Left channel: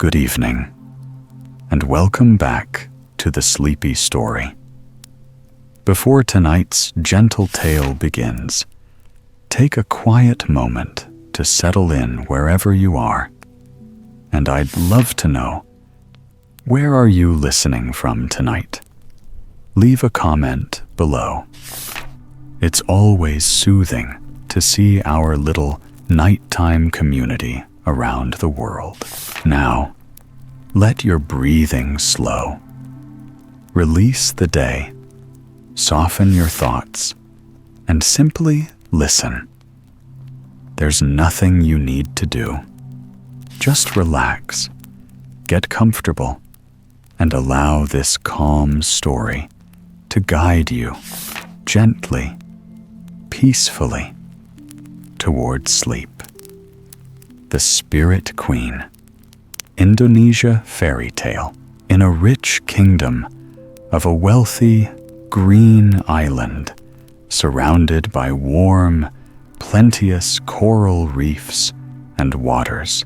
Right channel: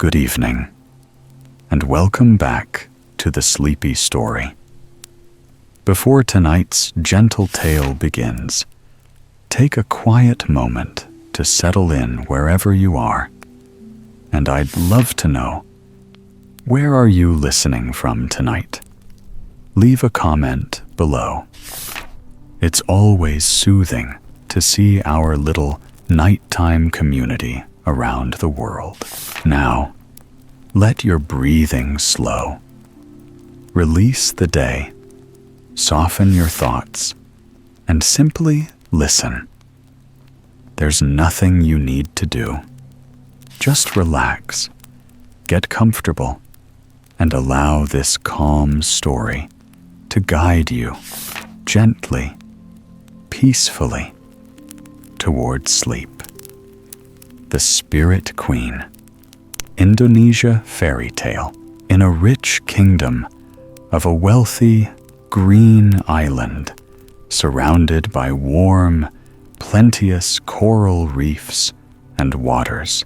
Good evening, and welcome back to the Sleepy Story. Before tonight's gentle tale begins, take a quiet moment to settle in wherever you are. And I'd love to know, where are you listening from tonight? Leave a comment below. It's always soothing to see our little nighttime community around the world. Now, let your breathing slow. Release the day, soften your thoughts, and simply listen. There's nothing you need to do. Just relax, get comfortable, and allow this calm story to guide you gently, peacefully, towards sleep. The Spirit Queen, Indonesia fairy tale. In a rich kingdom of a wealthy green island surrounded by warm, plenteous coral reefs and waters,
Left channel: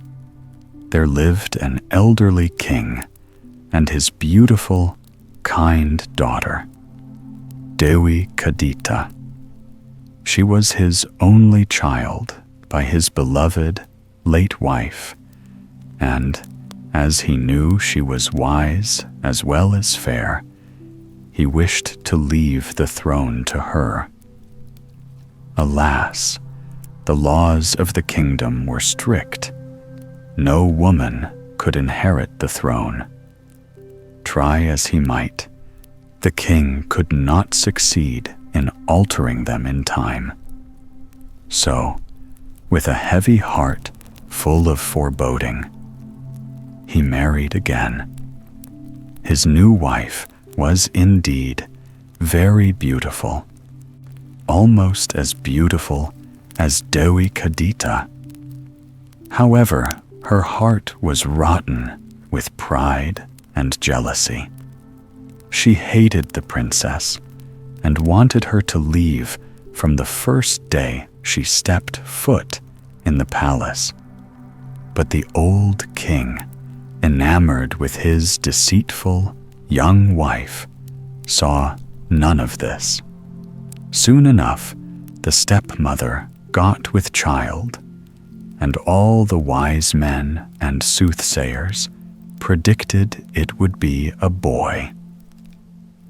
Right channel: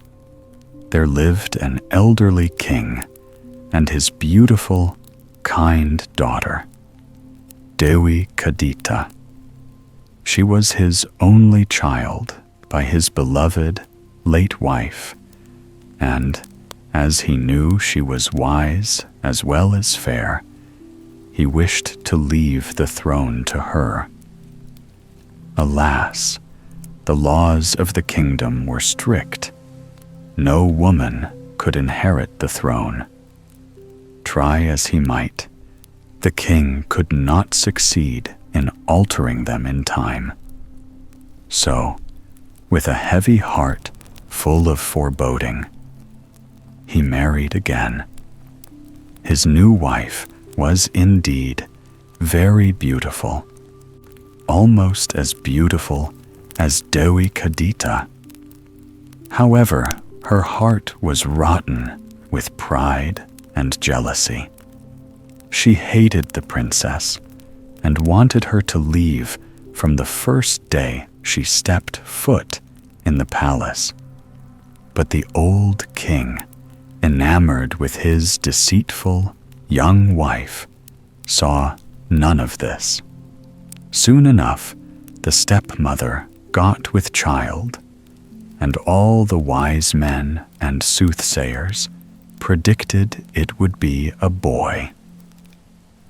there lived an elderly king and his beautiful, kind daughter, Dewi Kadita. She was his only child by his beloved late wife, and as he knew she was wise as well as fair, he wished to leave the throne to her. Alas, the laws of the kingdom were strict. No woman could inherit the throne. Try as he might, the king could not succeed in altering them in time. So, with a heavy heart full of foreboding, he married again. His new wife was indeed very beautiful, almost as beautiful as Dewi Kadita. However, her heart was rotten with pride and jealousy. She hated the princess and wanted her to leave from the first day she stepped foot in the palace. But the old king, enamored with his deceitful young wife, saw none of this. Soon enough, the stepmother got with child, and all the wise men and soothsayers predicted it would be a boy.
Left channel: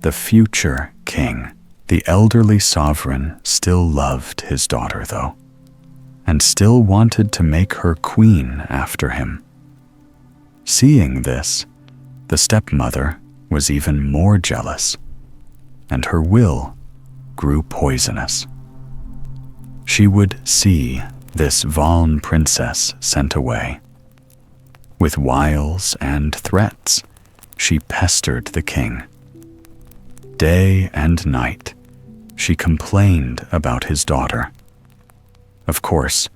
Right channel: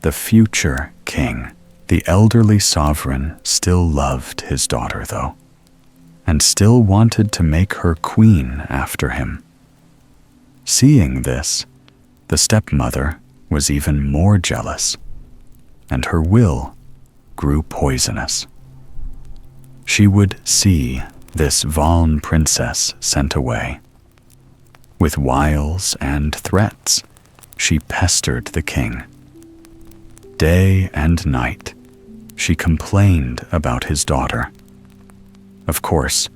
The future king, the elderly sovereign, still loved his daughter, though, and still wanted to make her queen after him. Seeing this, the stepmother was even more jealous, and her will grew poisonous. She would see this Valn princess sent away. With wiles and threats, she pestered the king. Day and night, she complained about his daughter. Of course,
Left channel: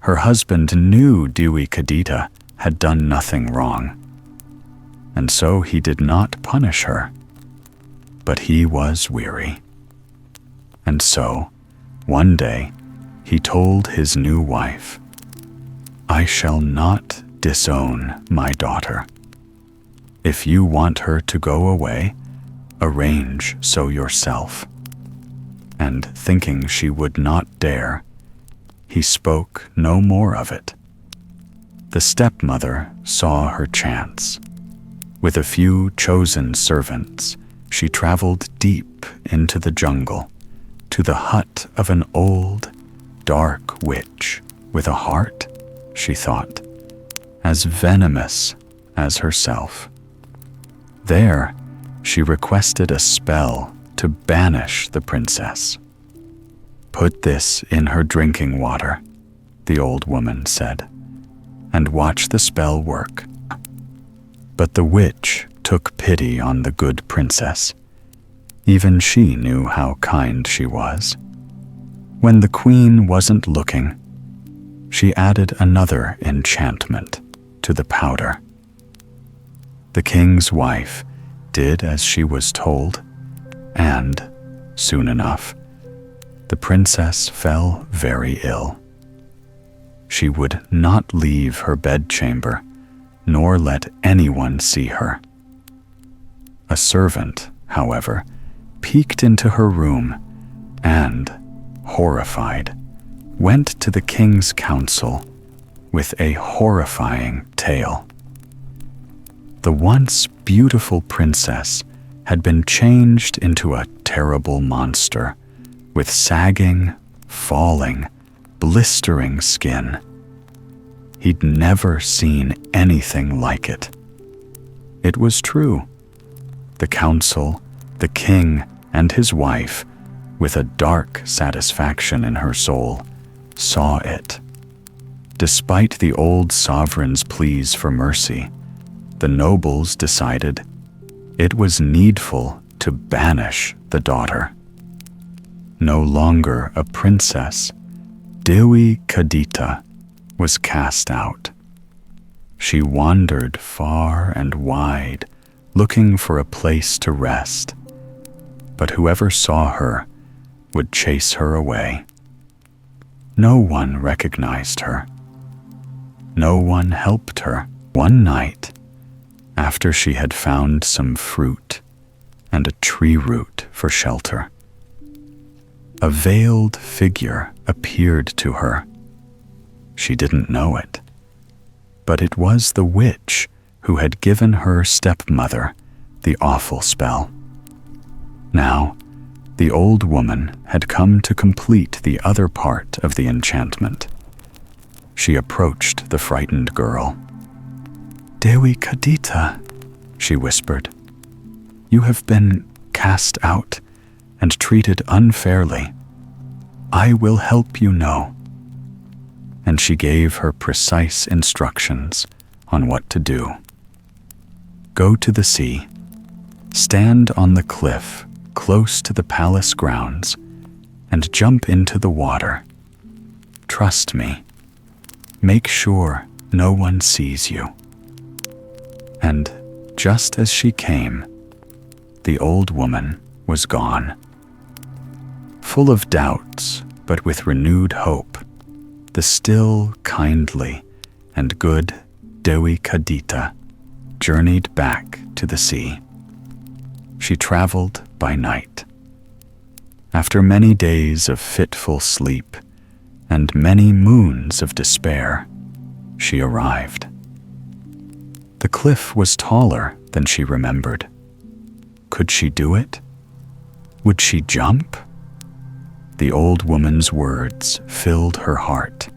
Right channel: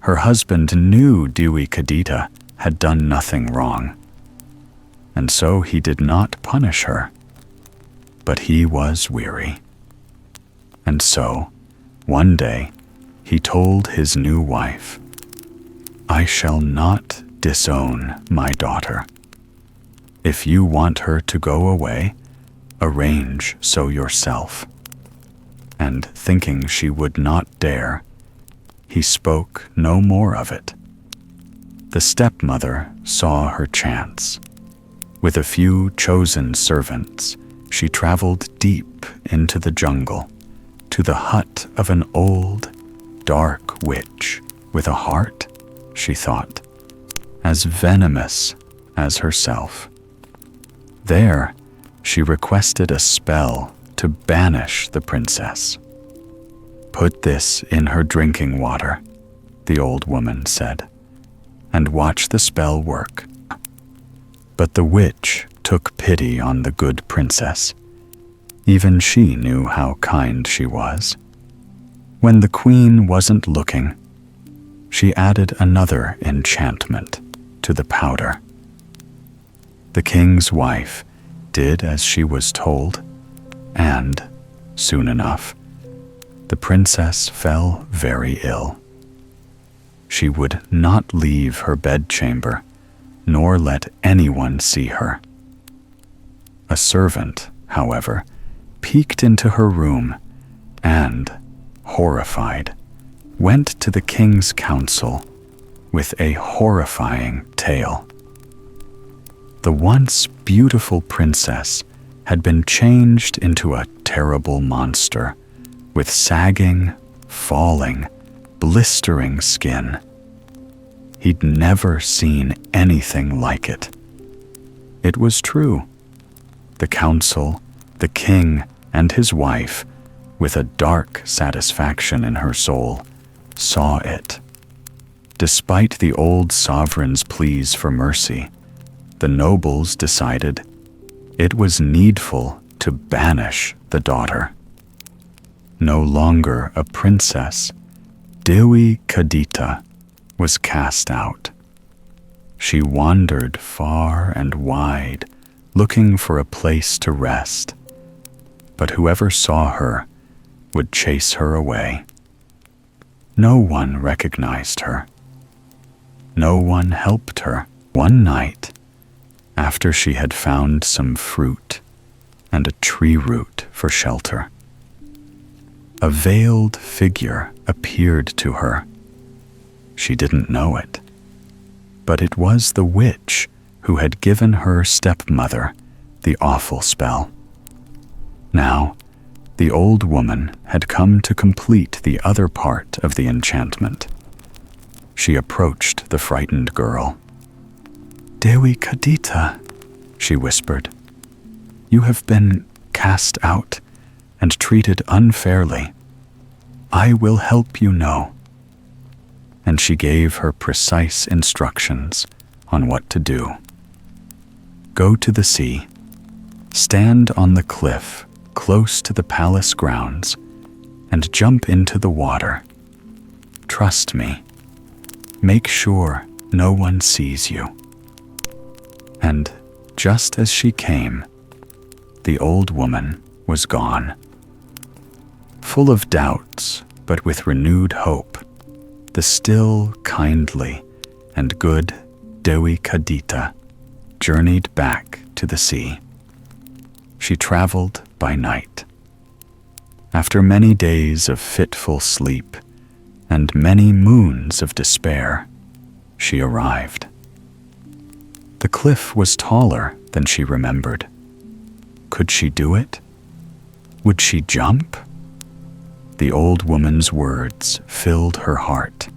her husband knew Dewi Kadita had done nothing wrong, and so he did not punish her. But he was weary. And so, one day, he told his new wife, "I shall not disown my daughter. If you want her to go away, arrange so yourself." And thinking she would not dare, he spoke no more of it. The stepmother saw her chance. With a few chosen servants, she traveled deep into the jungle to the hut of an old, dark witch with a heart, she thought, as venomous as herself. There, she requested a spell to banish the princess. "Put this in her drinking water," the old woman said, "and watch the spell work." But the witch took pity on the good princess. Even she knew how kind she was. When the queen wasn't looking, she added another enchantment to the powder. The king's wife did as she was told, and, soon enough, the princess fell very ill. She would not leave her bedchamber nor let anyone see her. A servant, however, peeked into her room and, horrified, went to the king's council with a horrifying tale. The once beautiful princess had been changed into a terrible monster with sagging, falling, blistering skin. He'd never seen anything like it. It was true. The council, the king, and his wife, with a dark satisfaction in her soul, saw it. Despite the old sovereign's pleas for mercy, the nobles decided it was needful to banish the daughter. No longer a princess, Dewi Kadita was cast out. She wandered far and wide, looking for a place to rest, but whoever saw her would chase her away. No one recognized her. No one helped her. One night, after she had found some fruit and a tree root for shelter, a veiled figure appeared to her. She didn't know it, but it was the witch who had given her stepmother the awful spell. Now, the old woman had come to complete the other part of the enchantment. She approached the frightened girl. "Dewi Kadita," she whispered, "you have been cast out and treated unfairly. I will help you know." And she gave her precise instructions on what to do. Go to the sea, stand on the cliff close to the palace grounds, and jump into the water. Trust me. Make sure no one sees you. And just as she came, the old woman was gone. Full of doubts, but with renewed hope, the still, kindly, and good Dewi Kadita journeyed back to the sea. She traveled by night. After many days of fitful sleep and many moons of despair, she arrived. The cliff was taller than she remembered. Could she do it? Would she jump? The old woman's words filled her heart.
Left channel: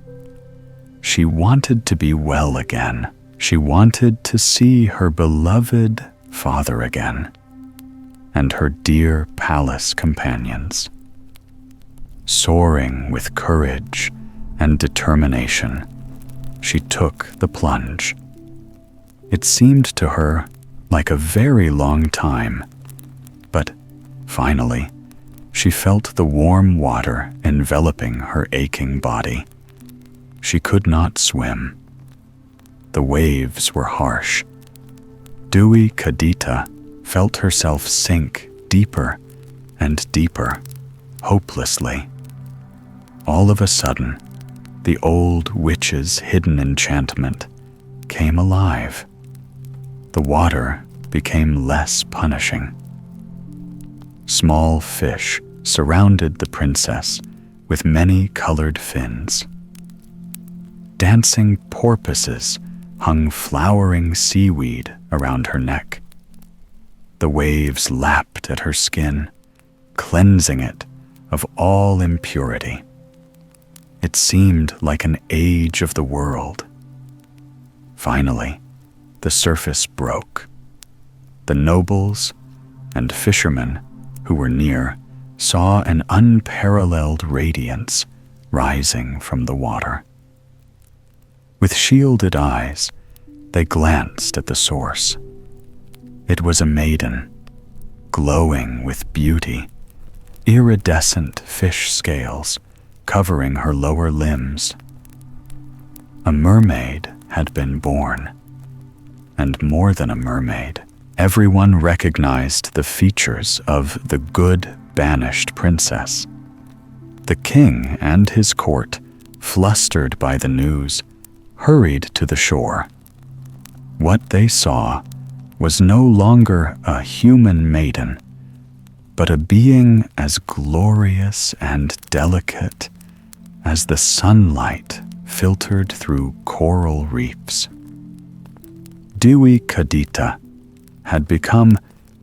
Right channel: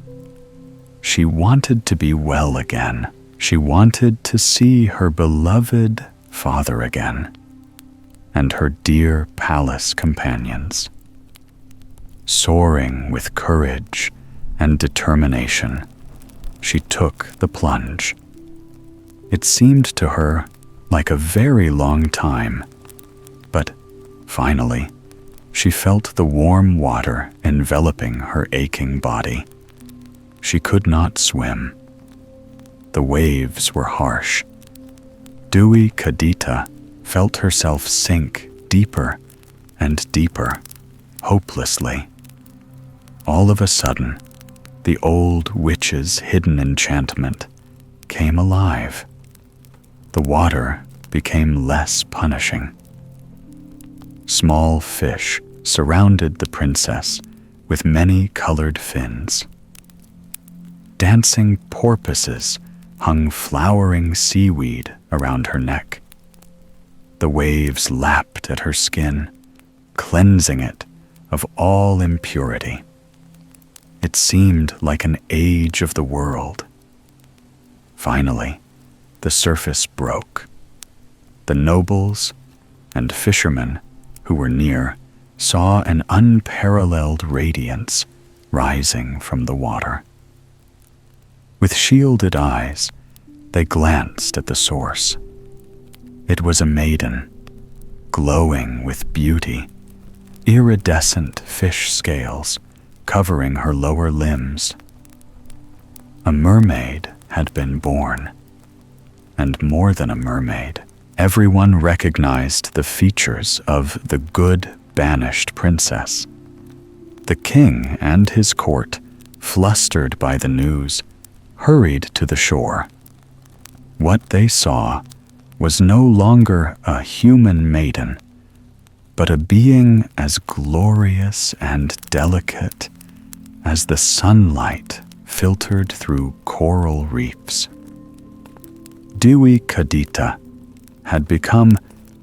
She wanted to be well again. She wanted to see her beloved father again, and her dear palace companions. Soaring with courage and determination, she took the plunge. It seemed to her like a very long time, but finally, she felt the warm water enveloping her aching body. She could not swim. The waves were harsh. Dewi Kadita felt herself sink deeper and deeper, hopelessly. All of a sudden, the old witch's hidden enchantment came alive. The water became less punishing. Small fish surrounded the princess with many colored fins. Dancing porpoises hung flowering seaweed around her neck. The waves lapped at her skin, cleansing it of all impurity. It seemed like an age of the world. Finally, the surface broke. The nobles and fishermen who were near saw an unparalleled radiance rising from the water. With shielded eyes, they glanced at the source. It was a maiden, glowing with beauty, iridescent fish scales covering her lower limbs. A mermaid had been born, and more than a mermaid. Everyone recognized the features of the good, banished princess. The king and his court, flustered by the news, hurried to the shore. What they saw was no longer a human maiden, but a being as glorious and delicate as the sunlight filtered through coral reefs. Dewi Kadita had become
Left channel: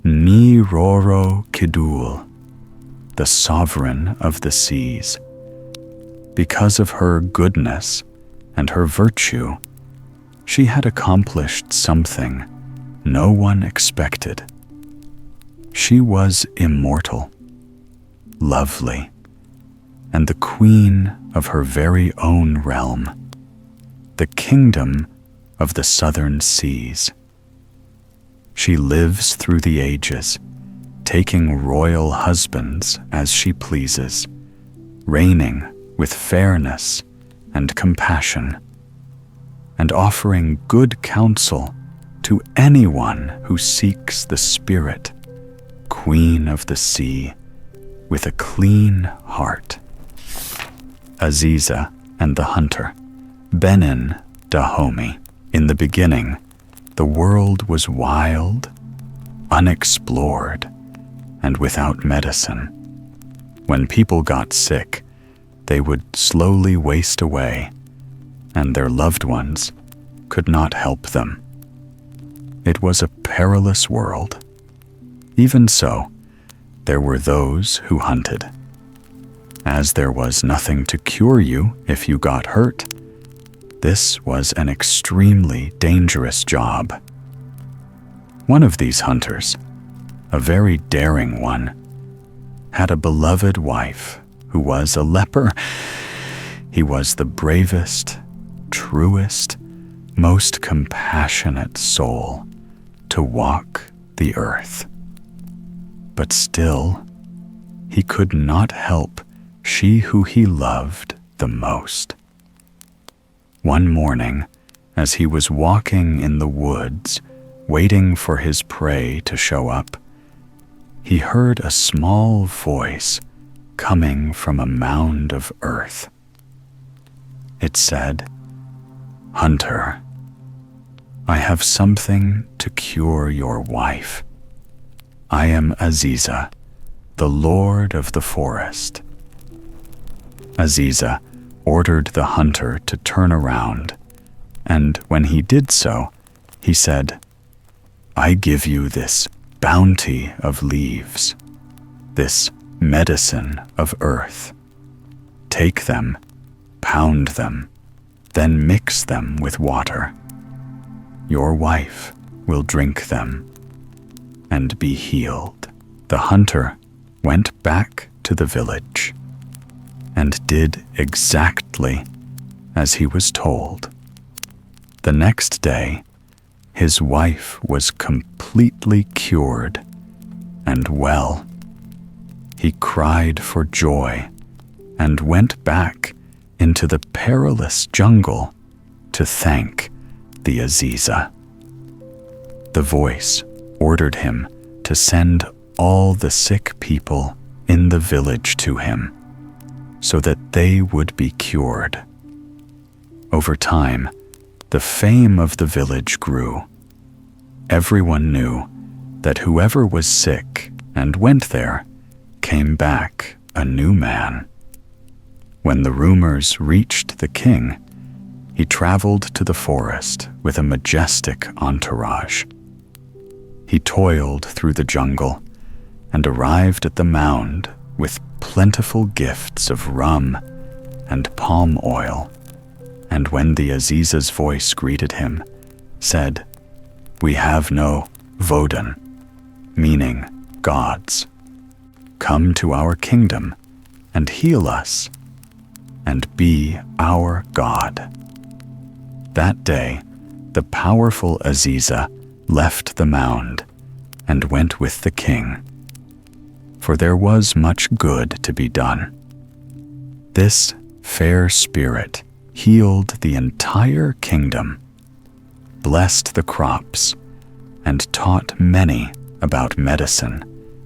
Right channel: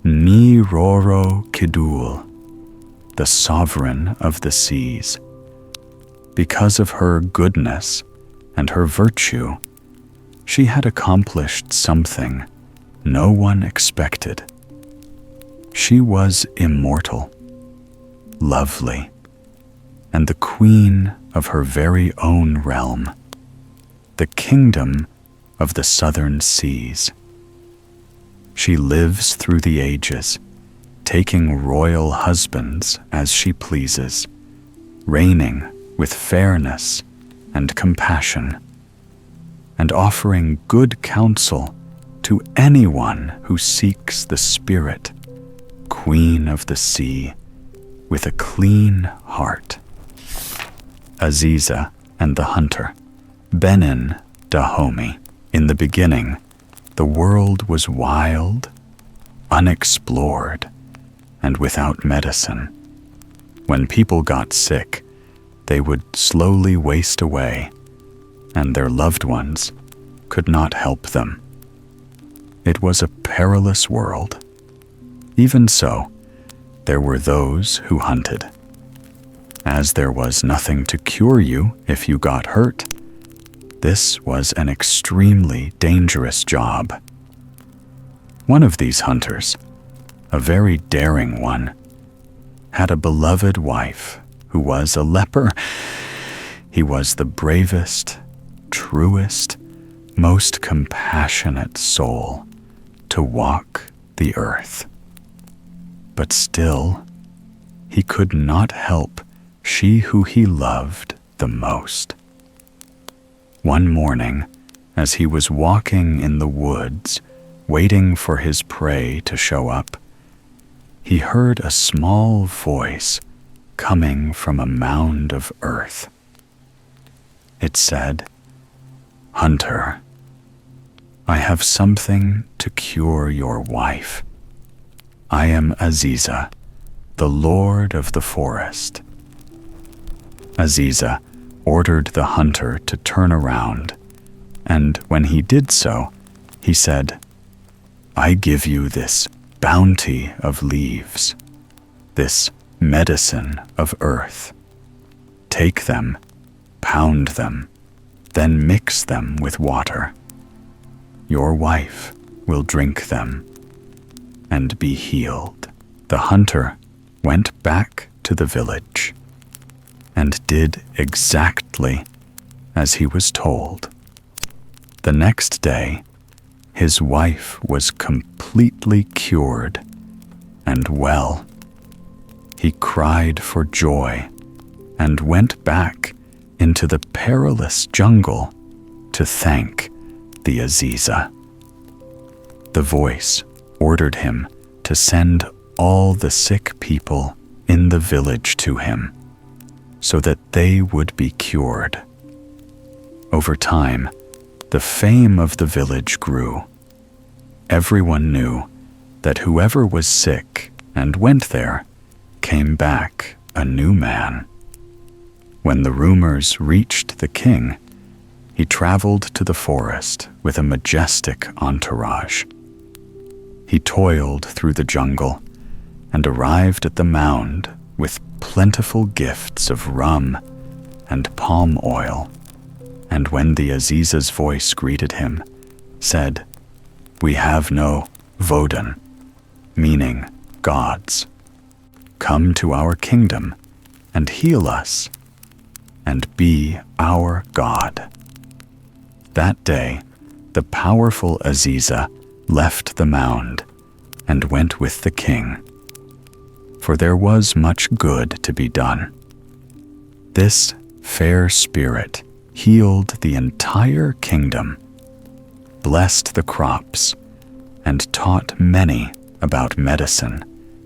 Ni Roro Kidul, the sovereign of the seas. Because of her goodness and her virtue, she had accomplished something no one expected. She was immortal, lovely, and the queen of her very own realm, the kingdom of the southern seas. She lives through the ages, taking royal husbands as she pleases, reigning with fairness and compassion, and offering good counsel to anyone who seeks the spirit, queen of the sea, with a clean heart. Aziza and the Hunter, Benin Dahomey. In the beginning, the world was wild, unexplored, and without medicine. When people got sick, they would slowly waste away, and their loved ones could not help them. It was a perilous world. Even so, there were those who hunted. As there was nothing to cure you if you got hurt, this was an extremely dangerous job. One of these hunters, a very daring one, had a beloved wife who was a leper. He was the bravest, truest, most compassionate soul to walk the earth. But still, he could not help she who he loved the most. One morning, as he was walking in the woods, waiting for his prey to show up, he heard a small voice coming from a mound of earth. It said, "Hunter, I have something to cure your wife. I am Aziza, the lord of the forest." Aziza ordered the hunter to turn around, and when he did so, he said, "I give you this bounty of leaves, this medicine of earth. Take them, pound them, then mix them with water. Your wife will drink them and be healed." The hunter went back to the village and did exactly as he was told. The next day, his wife was completely cured and well. He cried for joy and went back into the perilous jungle to thank the Aziza. The voice ordered him to send all the sick people in the village to him, so that they would be cured. Over time, the fame of the village grew. Everyone knew that whoever was sick and went there came back a new man. When the rumors reached the king, he traveled to the forest with a majestic entourage. He toiled through the jungle and arrived at the mound with plentiful gifts of rum and palm oil, and when the Aziza's voice greeted him, said, "We have no Vodun," meaning gods. "Come to our kingdom and heal us, and be our god." That day, the powerful Aziza left the mound and went with the king, for there was much good to be done. This fair spirit healed the entire kingdom, blessed the crops, and taught many about medicine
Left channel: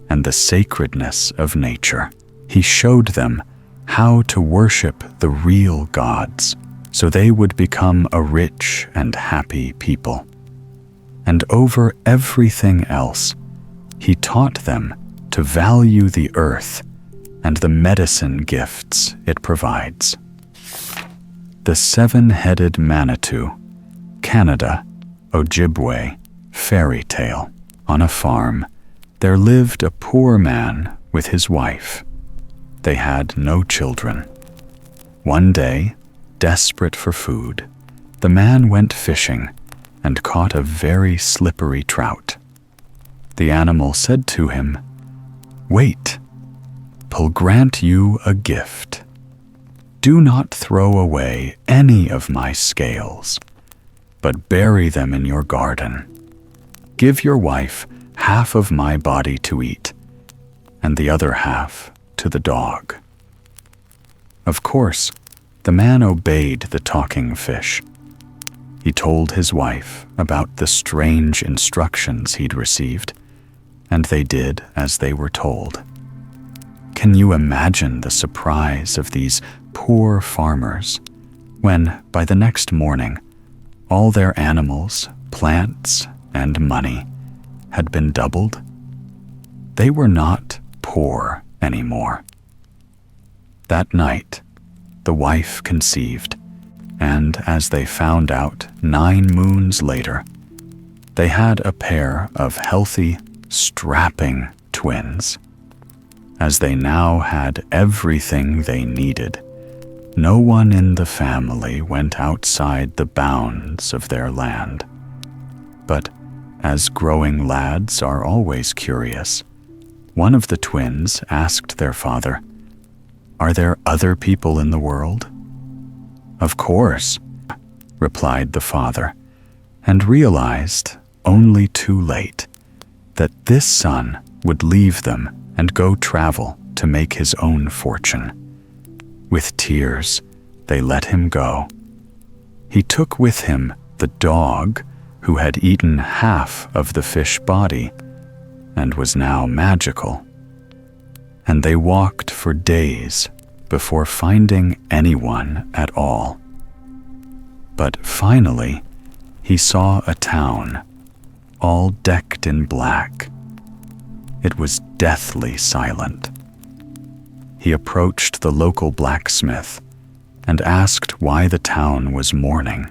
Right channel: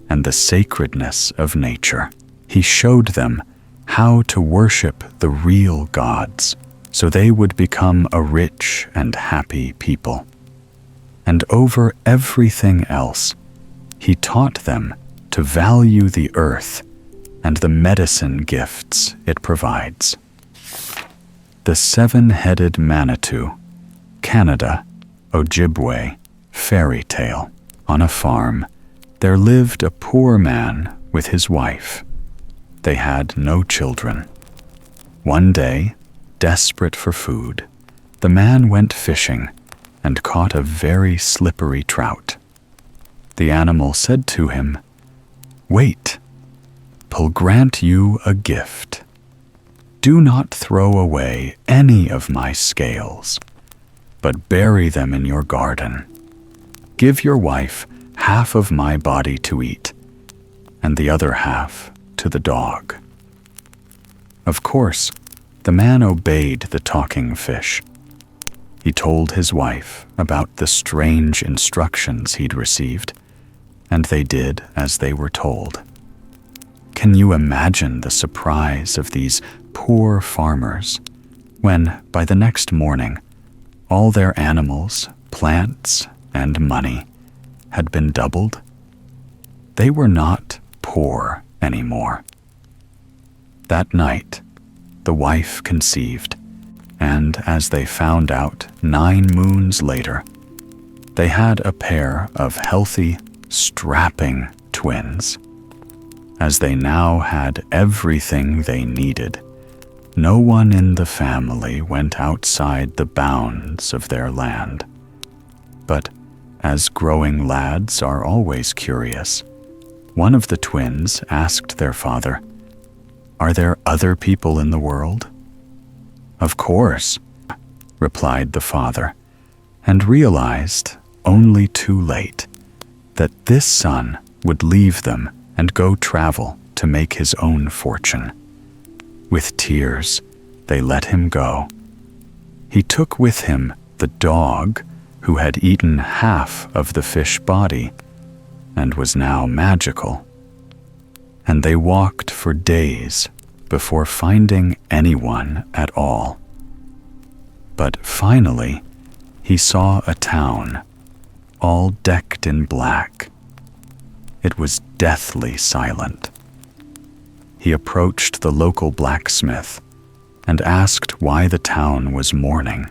and the sacredness of nature. He showed them how to worship the real gods, so they would become a rich and happy people. and over everything else, he taught them to value the earth and the medicine gifts it provides. The Seven-Headed Manitou, Canada, Ojibwe, fairy tale. On a farm, there lived a poor man with his wife. They had no children. One day, desperate for food, the man went fishing and caught a very slippery trout. The animal said to him, "Wait, I'll grant you a gift. Do not throw away any of my scales, but bury them in your garden. Give your wife half of my body to eat, and the other half to the dog." Of course, the man obeyed the talking fish. He told his wife about the strange instructions he'd received, and they did as they were told. Can you imagine the surprise of these poor farmers when, by the next morning, all their animals, plants, and money had been doubled? They were not poor anymore. That night, the wife conceived, and as they found out 9 moons later, they had a pair of healthy, strapping twins. As they now had everything they needed, no one in the family went outside the bounds of their land. But as growing lads are always curious, one of the twins asked their father, "Are there other people in the world?" "Of course," replied the father, and realized, only too late, that this son would leave them and go travel to make his own fortune. With tears, they let him go. He took with him the dog who had eaten half of the fish body and was now magical. And they walked for days before finding anyone at all. But finally, he saw a town, all decked in black. It was deathly silent. He approached the local blacksmith and asked why the town was mourning,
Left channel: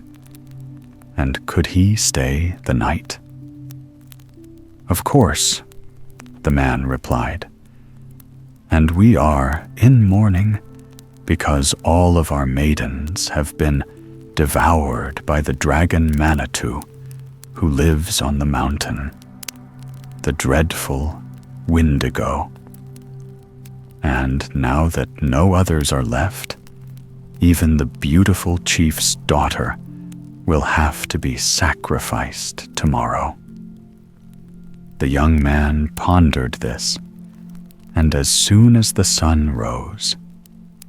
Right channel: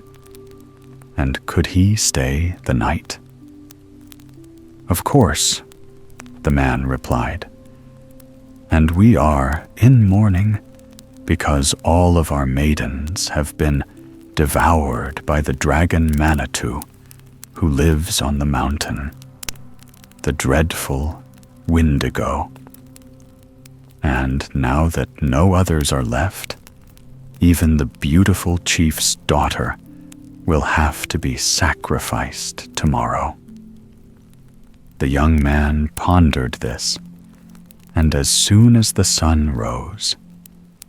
and could he stay the night? "Of course," the man replied, "and we are in mourning because all of our maidens have been devoured by the dragon Manitou who lives on the mountain, the dreadful Windigo. And now that no others are left, even the beautiful chief's daughter will have to be sacrificed tomorrow." The young man pondered this, and as soon as the sun rose,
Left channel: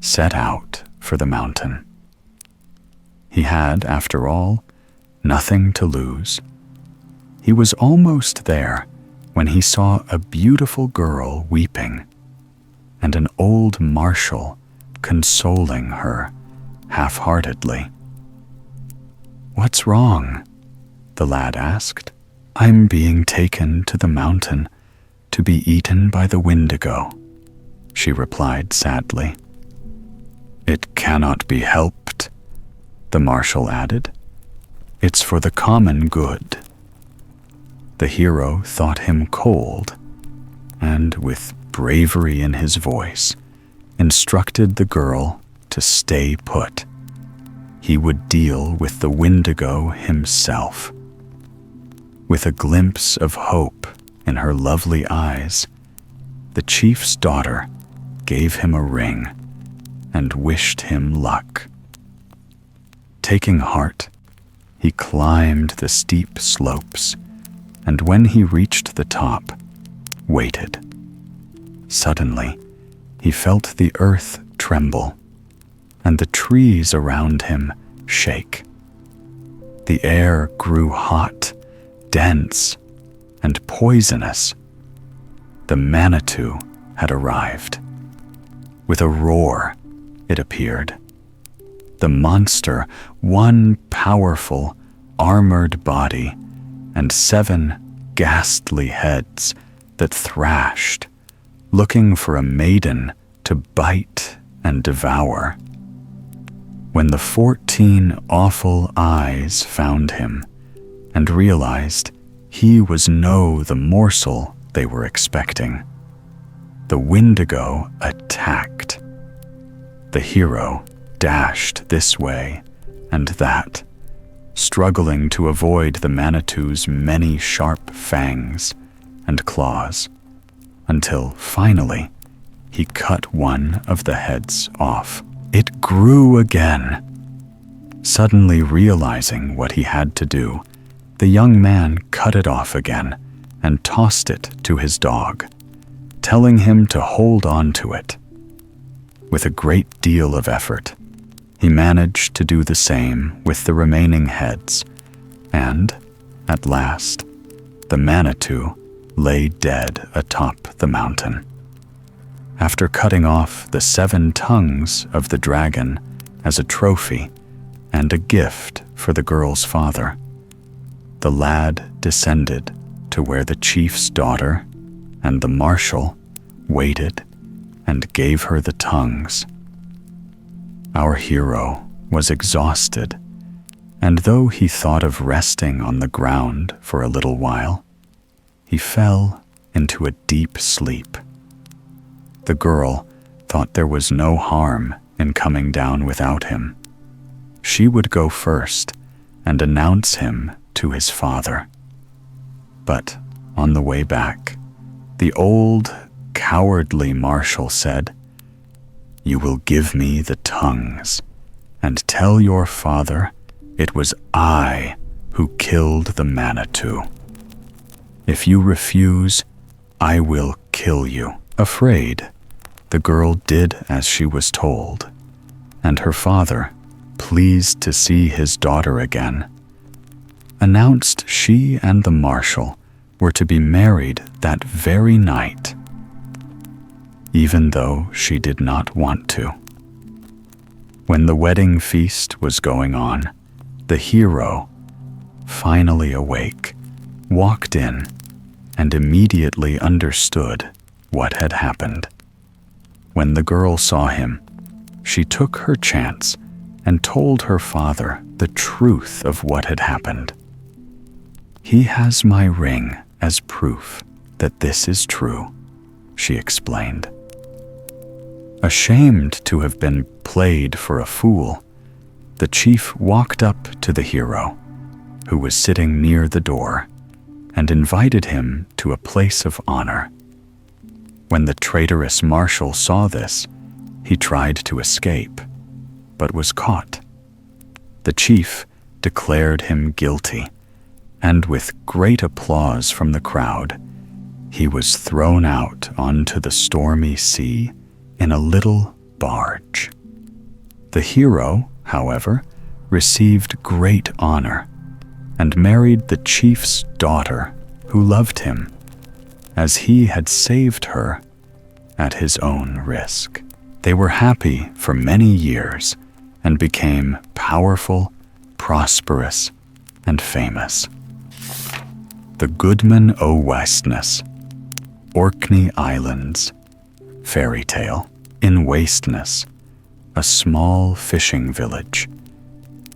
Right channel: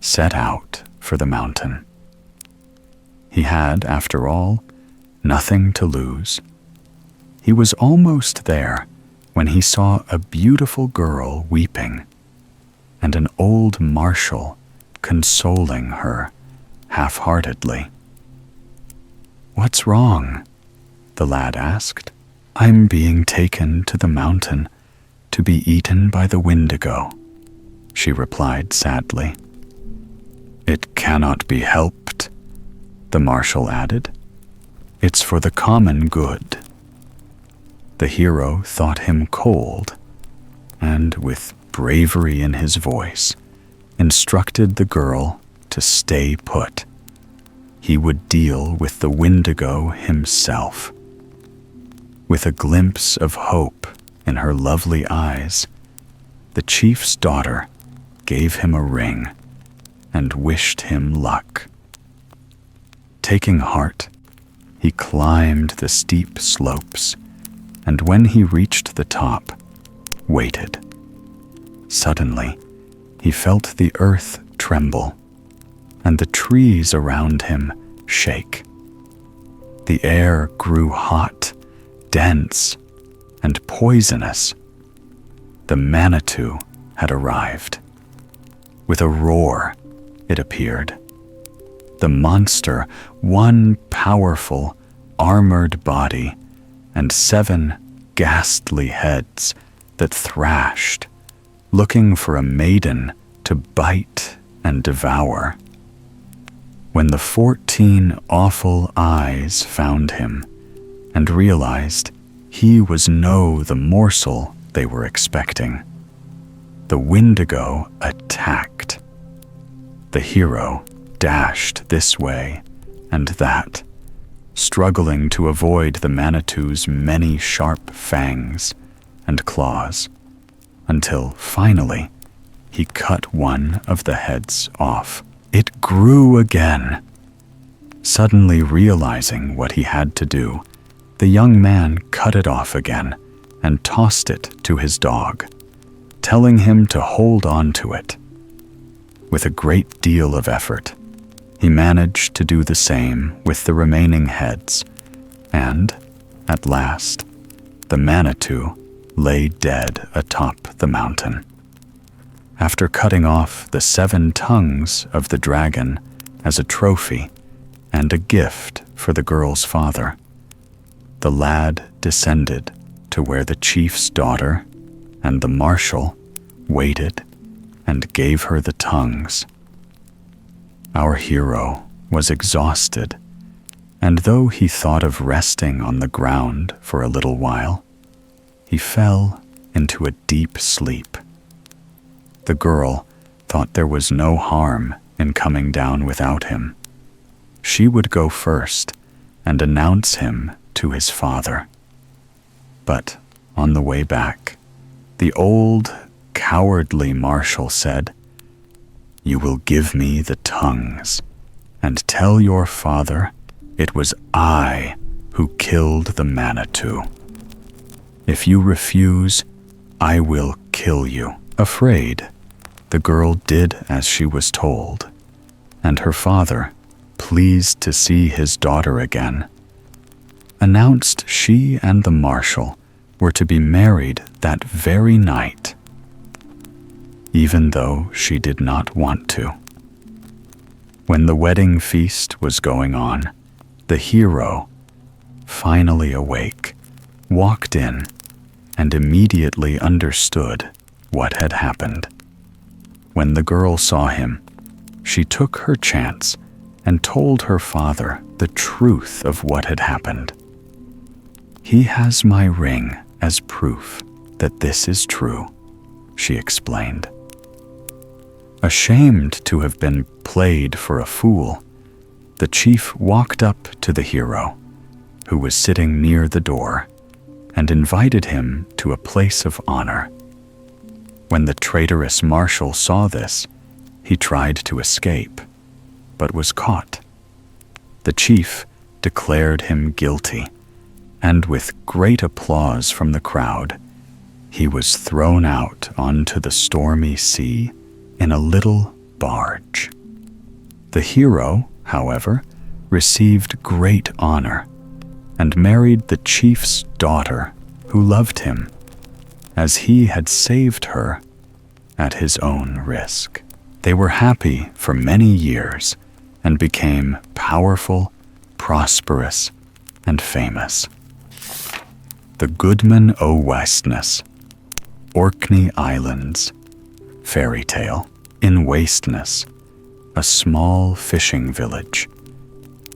set out for the mountain. He had, after all, nothing to lose. He was almost there when he saw a beautiful girl weeping, and an old marshal consoling her half-heartedly. "What's wrong?" the lad asked. "I'm being taken to the mountain to be eaten by the Windigo," she replied sadly. "It cannot be helped," the marshal added. "It's for the common good." The hero thought him cold, and with bravery in his voice, instructed the girl to stay put. He would deal with the Windigo himself. With a glimpse of hope in her lovely eyes, the chief's daughter gave him a ring and wished him luck. Taking heart, he climbed the steep slopes, and when he reached the top, waited. Suddenly, he felt the earth tremble, and the trees around him shake. The air grew hot, dense, and poisonous. The Manitou had arrived. With a roar, it appeared. The monster, one powerful, armored body, and 7 ghastly heads that thrashed, looking for a maiden to bite and devour. When the 14 awful eyes found him and realized he was the morsel they were expecting, the Wendigo attacked. The hero dashed this way and that, struggling to avoid the Manitou's many sharp fangs and claws, until finally he cut one of the heads off. It grew again. Suddenly realizing what he had to do, the young man cut it off again and tossed it to his dog, telling him to hold on to it. With a great deal of effort, he managed to do the same with the remaining heads, and, at last, the Manitou lay dead atop the mountain. After cutting off the 7 tongues of the dragon as a trophy and a gift for the girl's father, the lad descended to where the chief's daughter and the marshal waited and gave her the tongues. Our hero was exhausted, and though he thought of resting on the ground for a little while, he fell into a deep sleep. The girl thought there was no harm in coming down without him. She would go first and announce him to his father. But on the way back, the old, cowardly marshal said, "You will give me the tongues and tell your father it was I who killed the Manitou. If you refuse, I will kill you." Afraid, the girl did as she was told, and her father, pleased to see his daughter again, announced she and the marshal were to be married that very night, even though she did not want to. When the wedding feast was going on, the hero, finally awake, walked in and immediately understood what had happened. When the girl saw him, she took her chance and told her father the truth of what had happened. "He has my ring as proof that this is true," she explained. Ashamed to have been played for a fool, the chief walked up to the hero, who was sitting near the door, and invited him to a place of honor. When the traitorous marshal saw this, he tried to escape, but was caught. The chief declared him guilty, and with great applause from the crowd, he was thrown out onto the stormy sea in a little barge. The hero, however, received great honor and married the chief's daughter, who loved him, as he had saved her at his own risk. They were happy for many years and became powerful, prosperous, and famous. The Goodman O'Wastness, Orkney Islands, fairy tale. In Wastness, a small fishing village,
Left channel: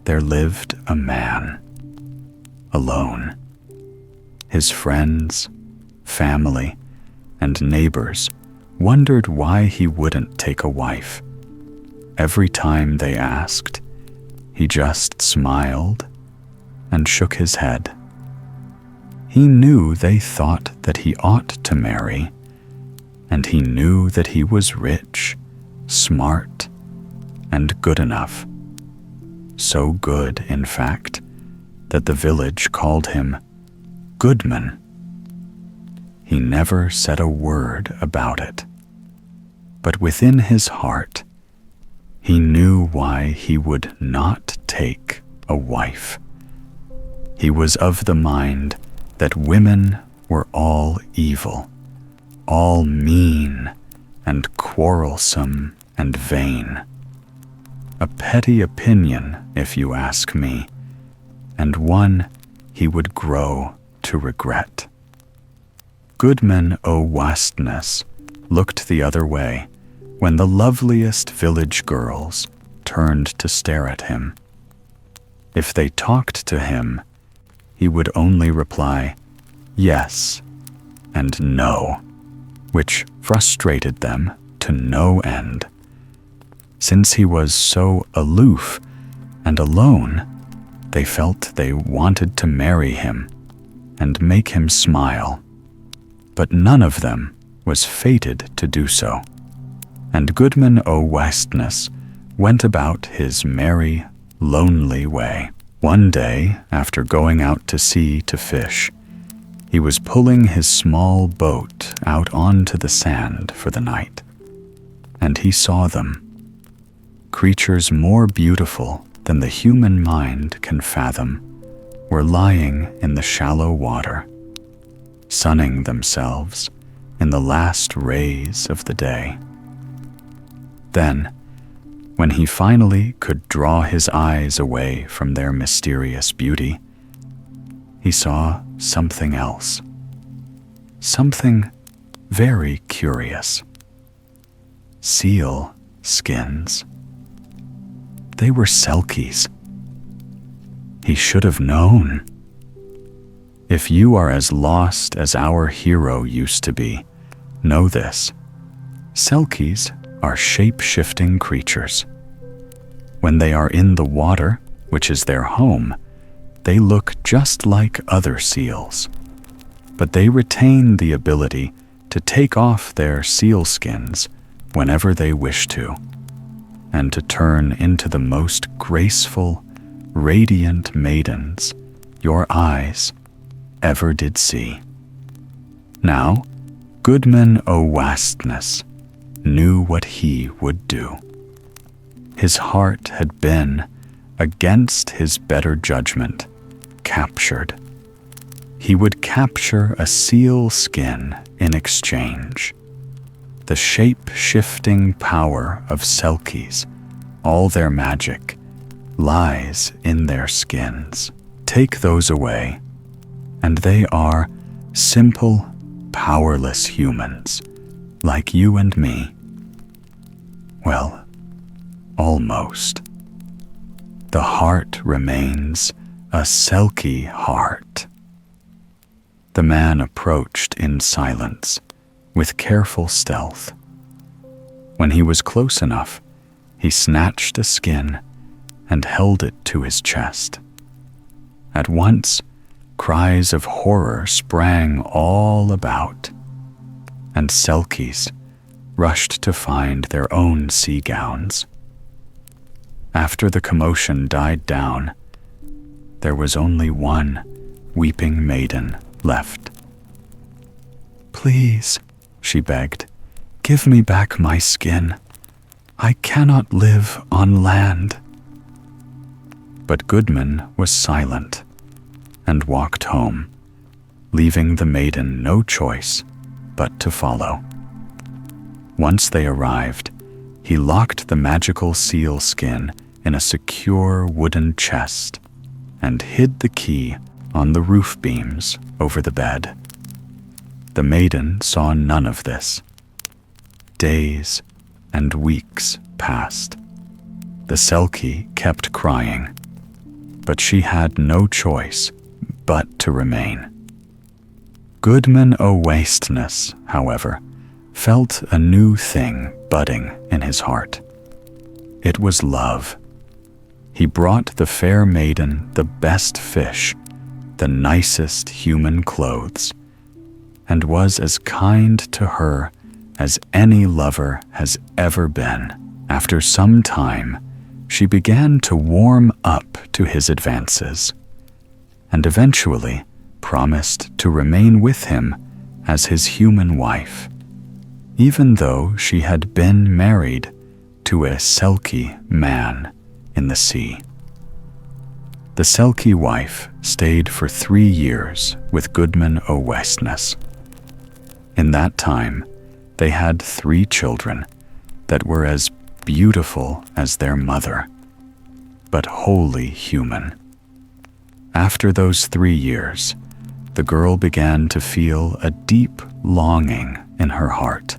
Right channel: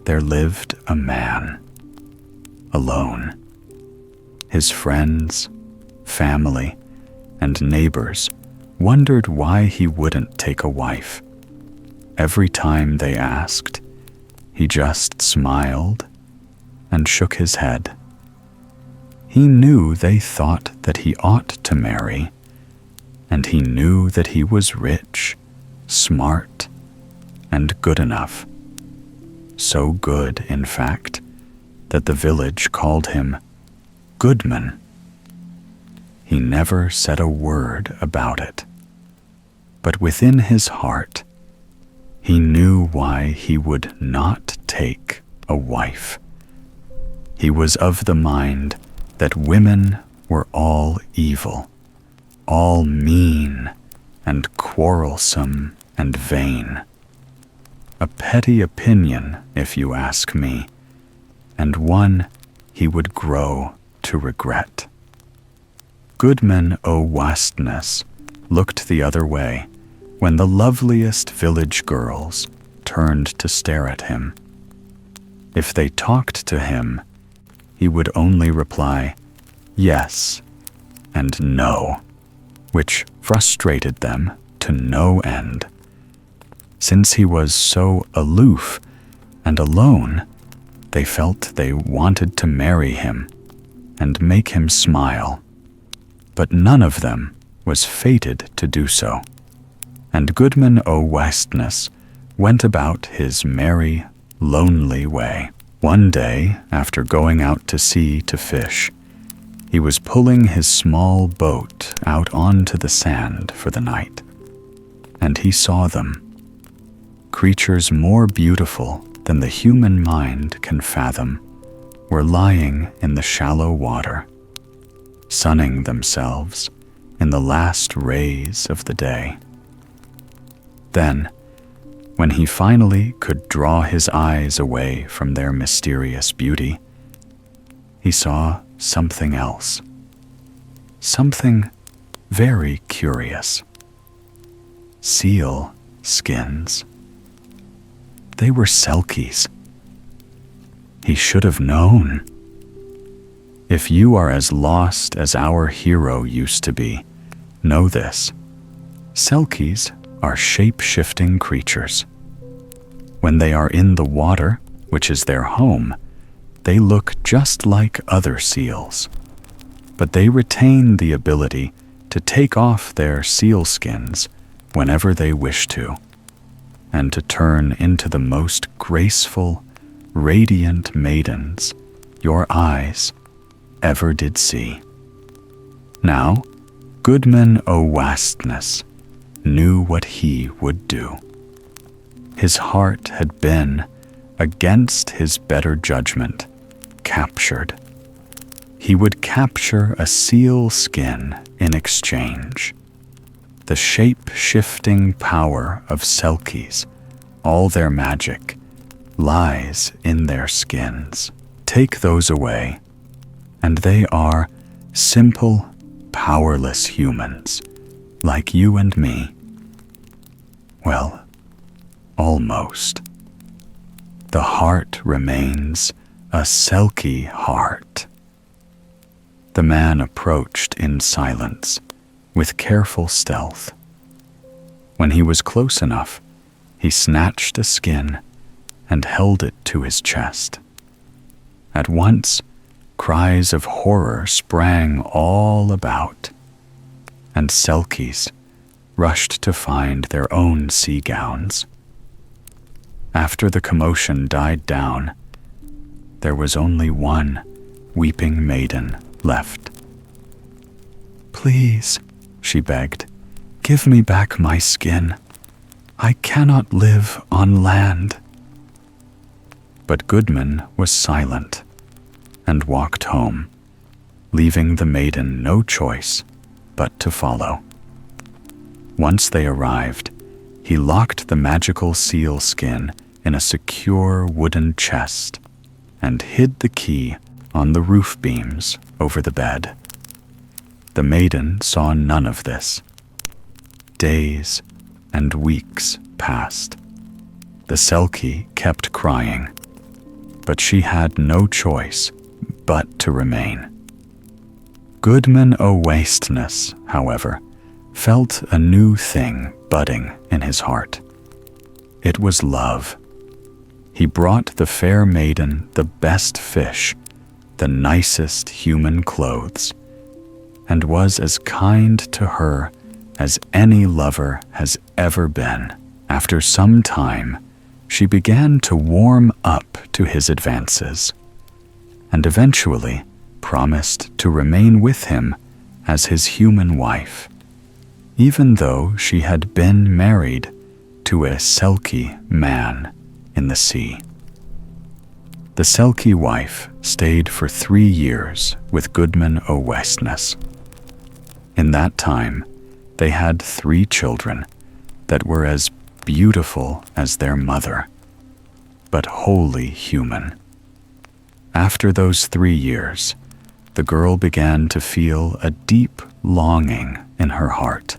there lived a man, alone. His friends, family, and neighbors wondered why he wouldn't take a wife. Every time they asked, he just smiled and shook his head. He knew they thought that he ought to marry, and he knew that he was rich, smart, and good enough. So good, in fact, that the village called him Goodman. He never said a word about it, but within his heart, he knew why he would not take a wife. He was of the mind that women were all evil, all mean and quarrelsome and vain. A petty opinion, if you ask me, and one he would grow to regret. Goodman O'Wastness looked the other way when the loveliest village girls turned to stare at him. If they talked to him, he would only reply, yes and no, which frustrated them to no end. Since he was so aloof and alone, they felt they wanted to marry him and make him smile. But none of them was fated to do so, and Goodman O'Wastness went about his merry, lonely way. One day, after going out to sea to fish, he was pulling his small boat out onto the sand for the night, and he saw them. Creatures more beautiful than the human mind can fathom were lying in the shallow water, sunning themselves in the last rays of the day. Then, when he finally could draw his eyes away from their mysterious beauty, he saw something else. Something very curious. Seal skins. They were selkies. He should have known. If you are as lost as our hero used to be, know this. Selkies are shape-shifting creatures. When they are in the water, which is their home, they look just like other seals. But they retain the ability to take off their seal skins whenever they wish to, and to turn into the most graceful, radiant maidens your eyes ever did see. Now, Goodman O'Wastness knew what he would do. His heart had been, against his better judgment, captured. He would capture a seal skin in exchange. The shape-shifting power of selkies, all their magic, lies in their skins. Take those away, and they are simple, powerless humans, like you and me. Well, almost. The heart remains a selkie heart. The man approached in silence, with careful stealth. When he was close enough, he snatched a skin and held it to his chest. At once, cries of horror sprang all about, and selkies rushed to find their own sea gowns. After the commotion died down, there was only one weeping maiden left. "Please," she begged, "give me back my skin. I cannot live on land." But Goodman was silent and walked home, leaving the maiden no choice but to follow. Once they arrived, he locked the magical seal skin in a secure wooden chest and hid the key on the roof beams over the bed. The maiden saw none of this. Days and weeks passed. The selkie kept crying, but she had no choice but to remain. Goodman O'Wastness, however, felt a new thing budding in his heart. It was love. He brought the fair maiden the best fish, the nicest human clothes, and was as kind to her as any lover has ever been. After some time, she began to warm up to his advances, and eventually promised to remain with him as his human wife, even though she had been married to a selkie man in the sea. The selkie wife stayed for 3 years with Goodman O'Wastness. In that time, they had 3 children that were as beautiful as their mother, but wholly human. After those 3 years, the girl began to feel a deep longing in her heart.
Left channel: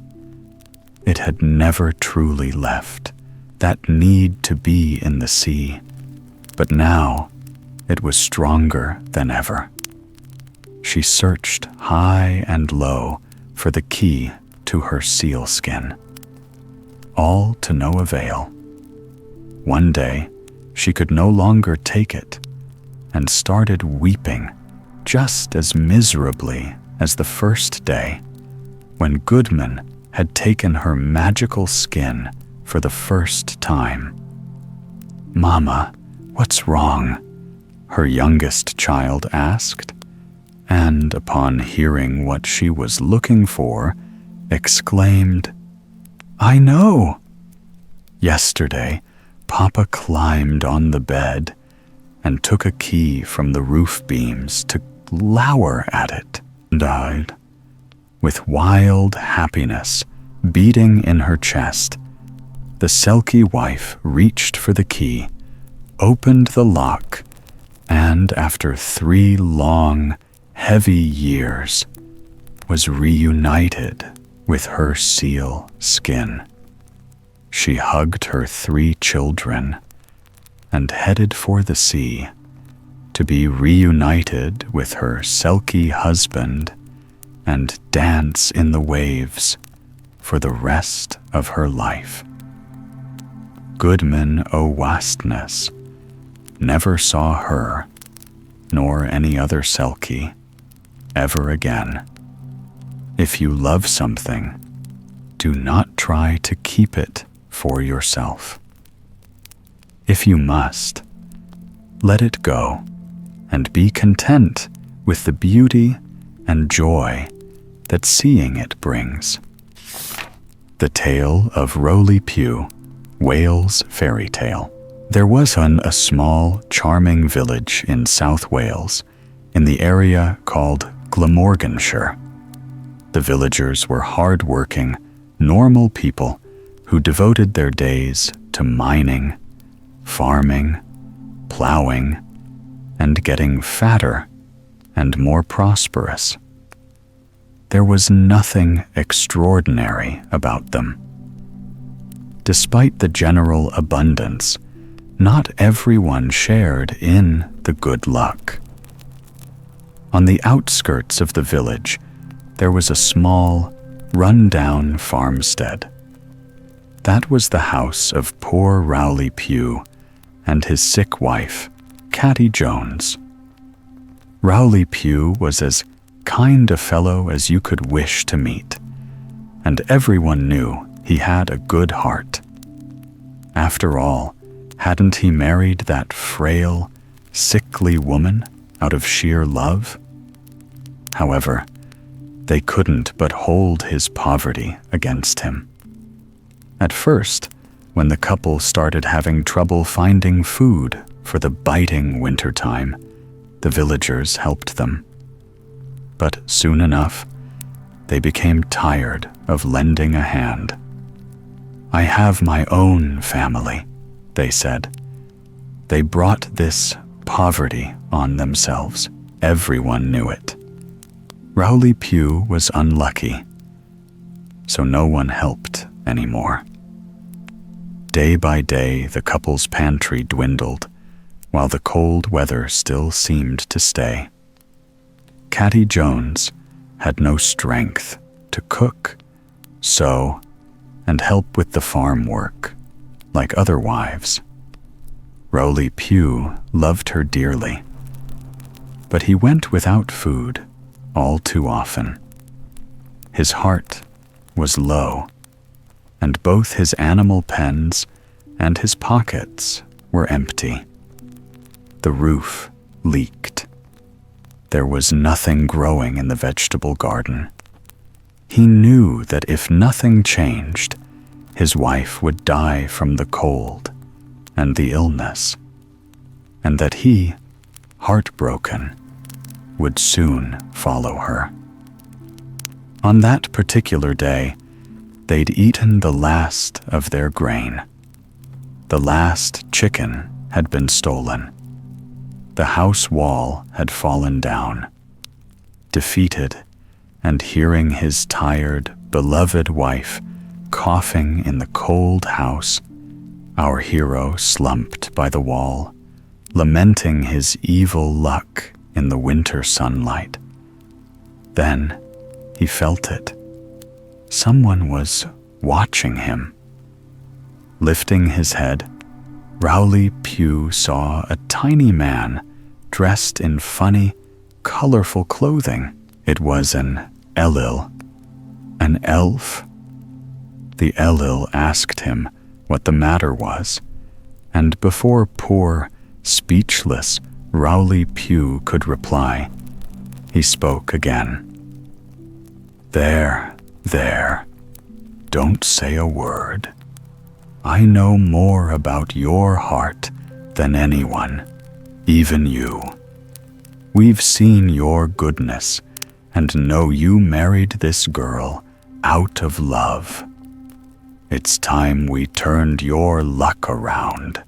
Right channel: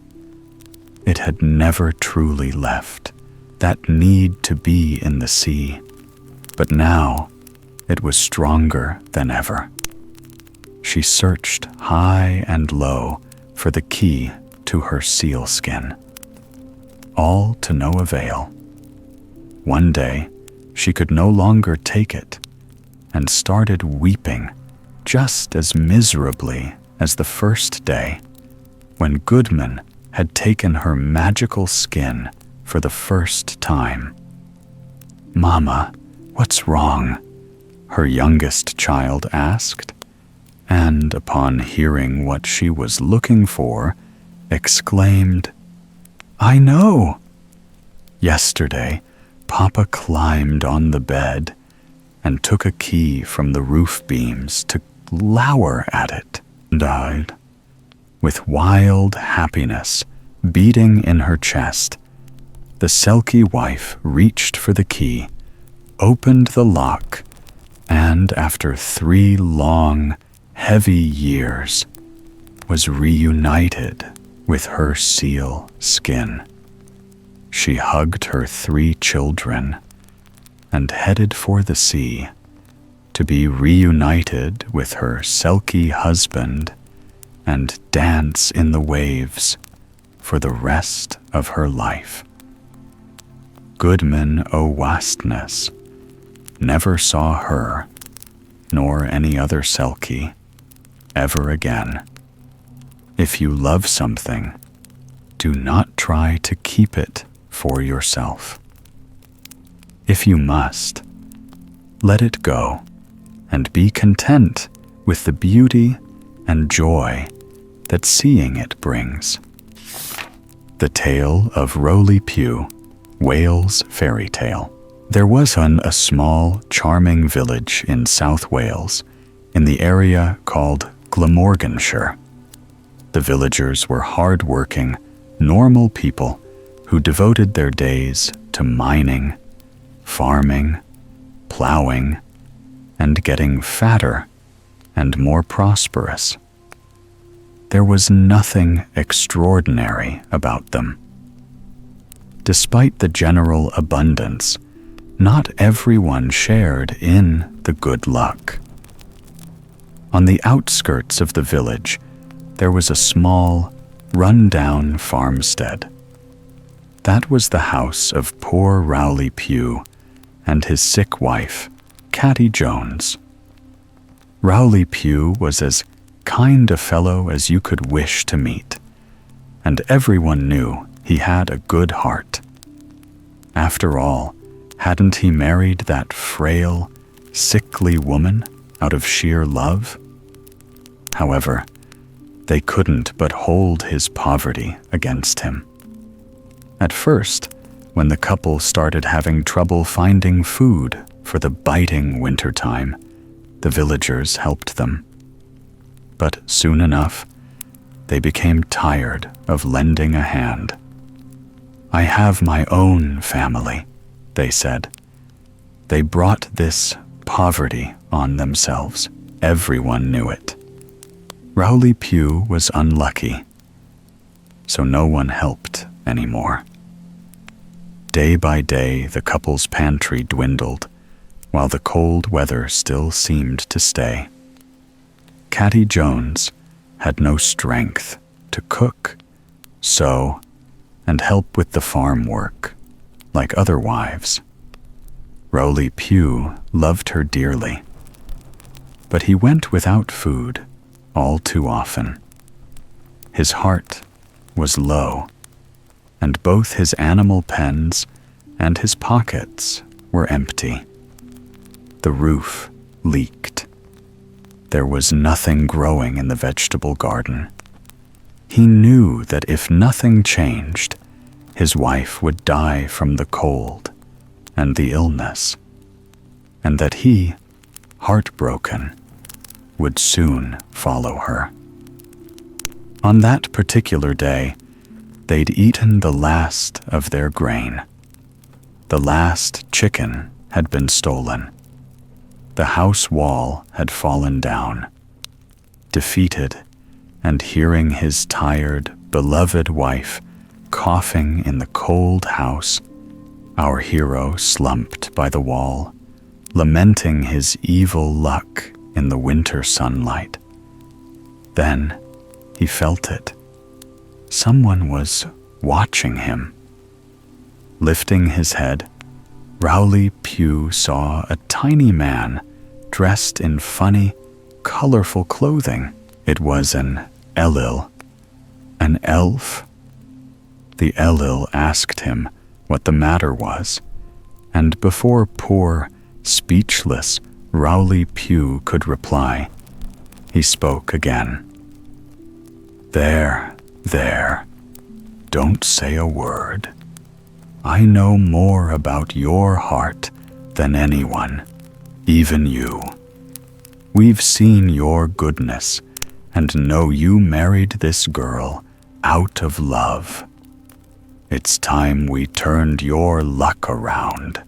It had never truly left, that need to be in the sea, but now it was stronger than ever. She searched high and low for the key to her sealskin, all to no avail. One day, she could no longer take it and started weeping just as miserably as the first day when Goodman had taken her magical skin for the first time. "Mama, what's wrong?" her youngest child asked, and upon hearing what she was looking for, exclaimed, "I know! Yesterday, Papa climbed on the bed and took a key from the roof beams to glower at it and died." With wild happiness beating in her chest, the Selkie wife reached for the key, opened the lock, and after 3 long, heavy years, was reunited with her seal skin. She hugged her 3 children and headed for the sea to be reunited with her Selkie husband and dance in the waves for the rest of her life. Goodman O'Wastness never saw her, nor any other Selkie, ever again. If you love something, do not try to keep it for yourself. If you must, let it go and be content with the beauty and joy that seeing it brings. The Tale of Rowli Pugh, Wales Fairy Tale. There was a small, charming village in South Wales, in the area called Glamorganshire. The villagers were hard-working, normal people who devoted their days to mining, farming, plowing, and getting fatter and more prosperous. There was nothing extraordinary about them. Despite the general abundance, not everyone shared in the good luck. On the outskirts of the village, there was a small, run-down farmstead. That was the house of poor Rowli Pugh and his sick wife, Catty Jones. Rowli Pugh was as kind a fellow as you could wish to meet, and everyone knew he had a good heart. After all, hadn't he married that frail, sickly woman out of sheer love? However, they couldn't but hold his poverty against him. At first, when the couple started having trouble finding food for the biting wintertime, the villagers helped them. But soon enough, they became tired of lending a hand. "I have my own family," they said. They brought this poverty on themselves. Everyone knew it. Rowli Pugh was unlucky, so no one helped anymore. Day by day, the couple's pantry dwindled, while the cold weather still seemed to stay. Catty Jones had no strength to cook, sew, and help with the farm work, like other wives. Rowli Pugh loved her dearly, but he went without food all too often. His heart was low, and both his animal pens and his pockets were empty. The roof leaked. There was nothing growing in the vegetable garden. He knew that if nothing changed, his wife would die from the cold and the illness, and that he, heartbroken, would soon follow her. On that particular day, they'd eaten the last of their grain. The last chicken had been stolen. The house wall had fallen down. defeated, and hearing his tired, beloved wife coughing in the cold house, our hero slumped by the wall, lamenting his evil luck in the winter sunlight. Then he felt it. Someone was watching him. Lifting his head, Rowli Pugh saw a tiny man dressed in funny, colorful clothing. It was an Elil, an elf. The Elil asked him what the matter was, and before poor, speechless Rowli Pugh could reply, he spoke again. There, don't say a word. I know more about your heart than anyone, even you. We've seen your goodness and know you married this girl out of love. It's time we turned your luck around.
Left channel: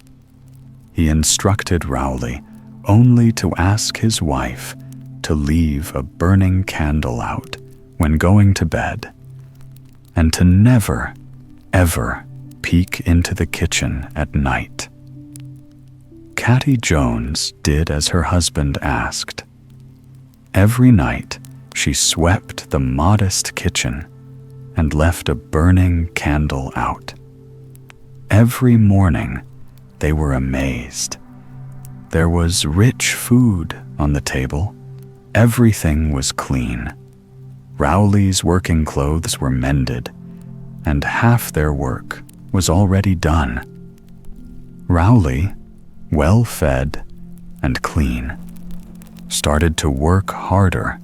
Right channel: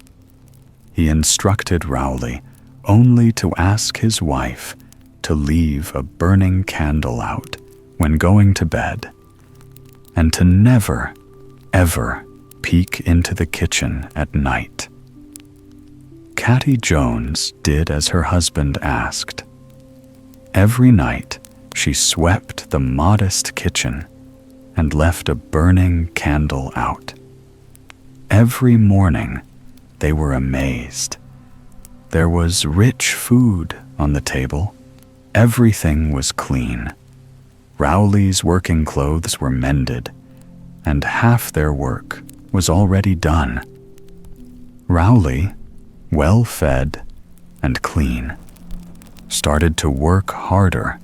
He instructed Rowli only to ask his wife to leave a burning candle out when going to bed, and to never, ever peek into the kitchen at night. Catty Jones did as her husband asked. Every night she swept the modest kitchen and left a burning candle out. Every morning they were amazed. There was rich food on the table. Everything was clean. Rowli's working clothes were mended, and half their work was already done. Rowli, well fed and clean, started to work harder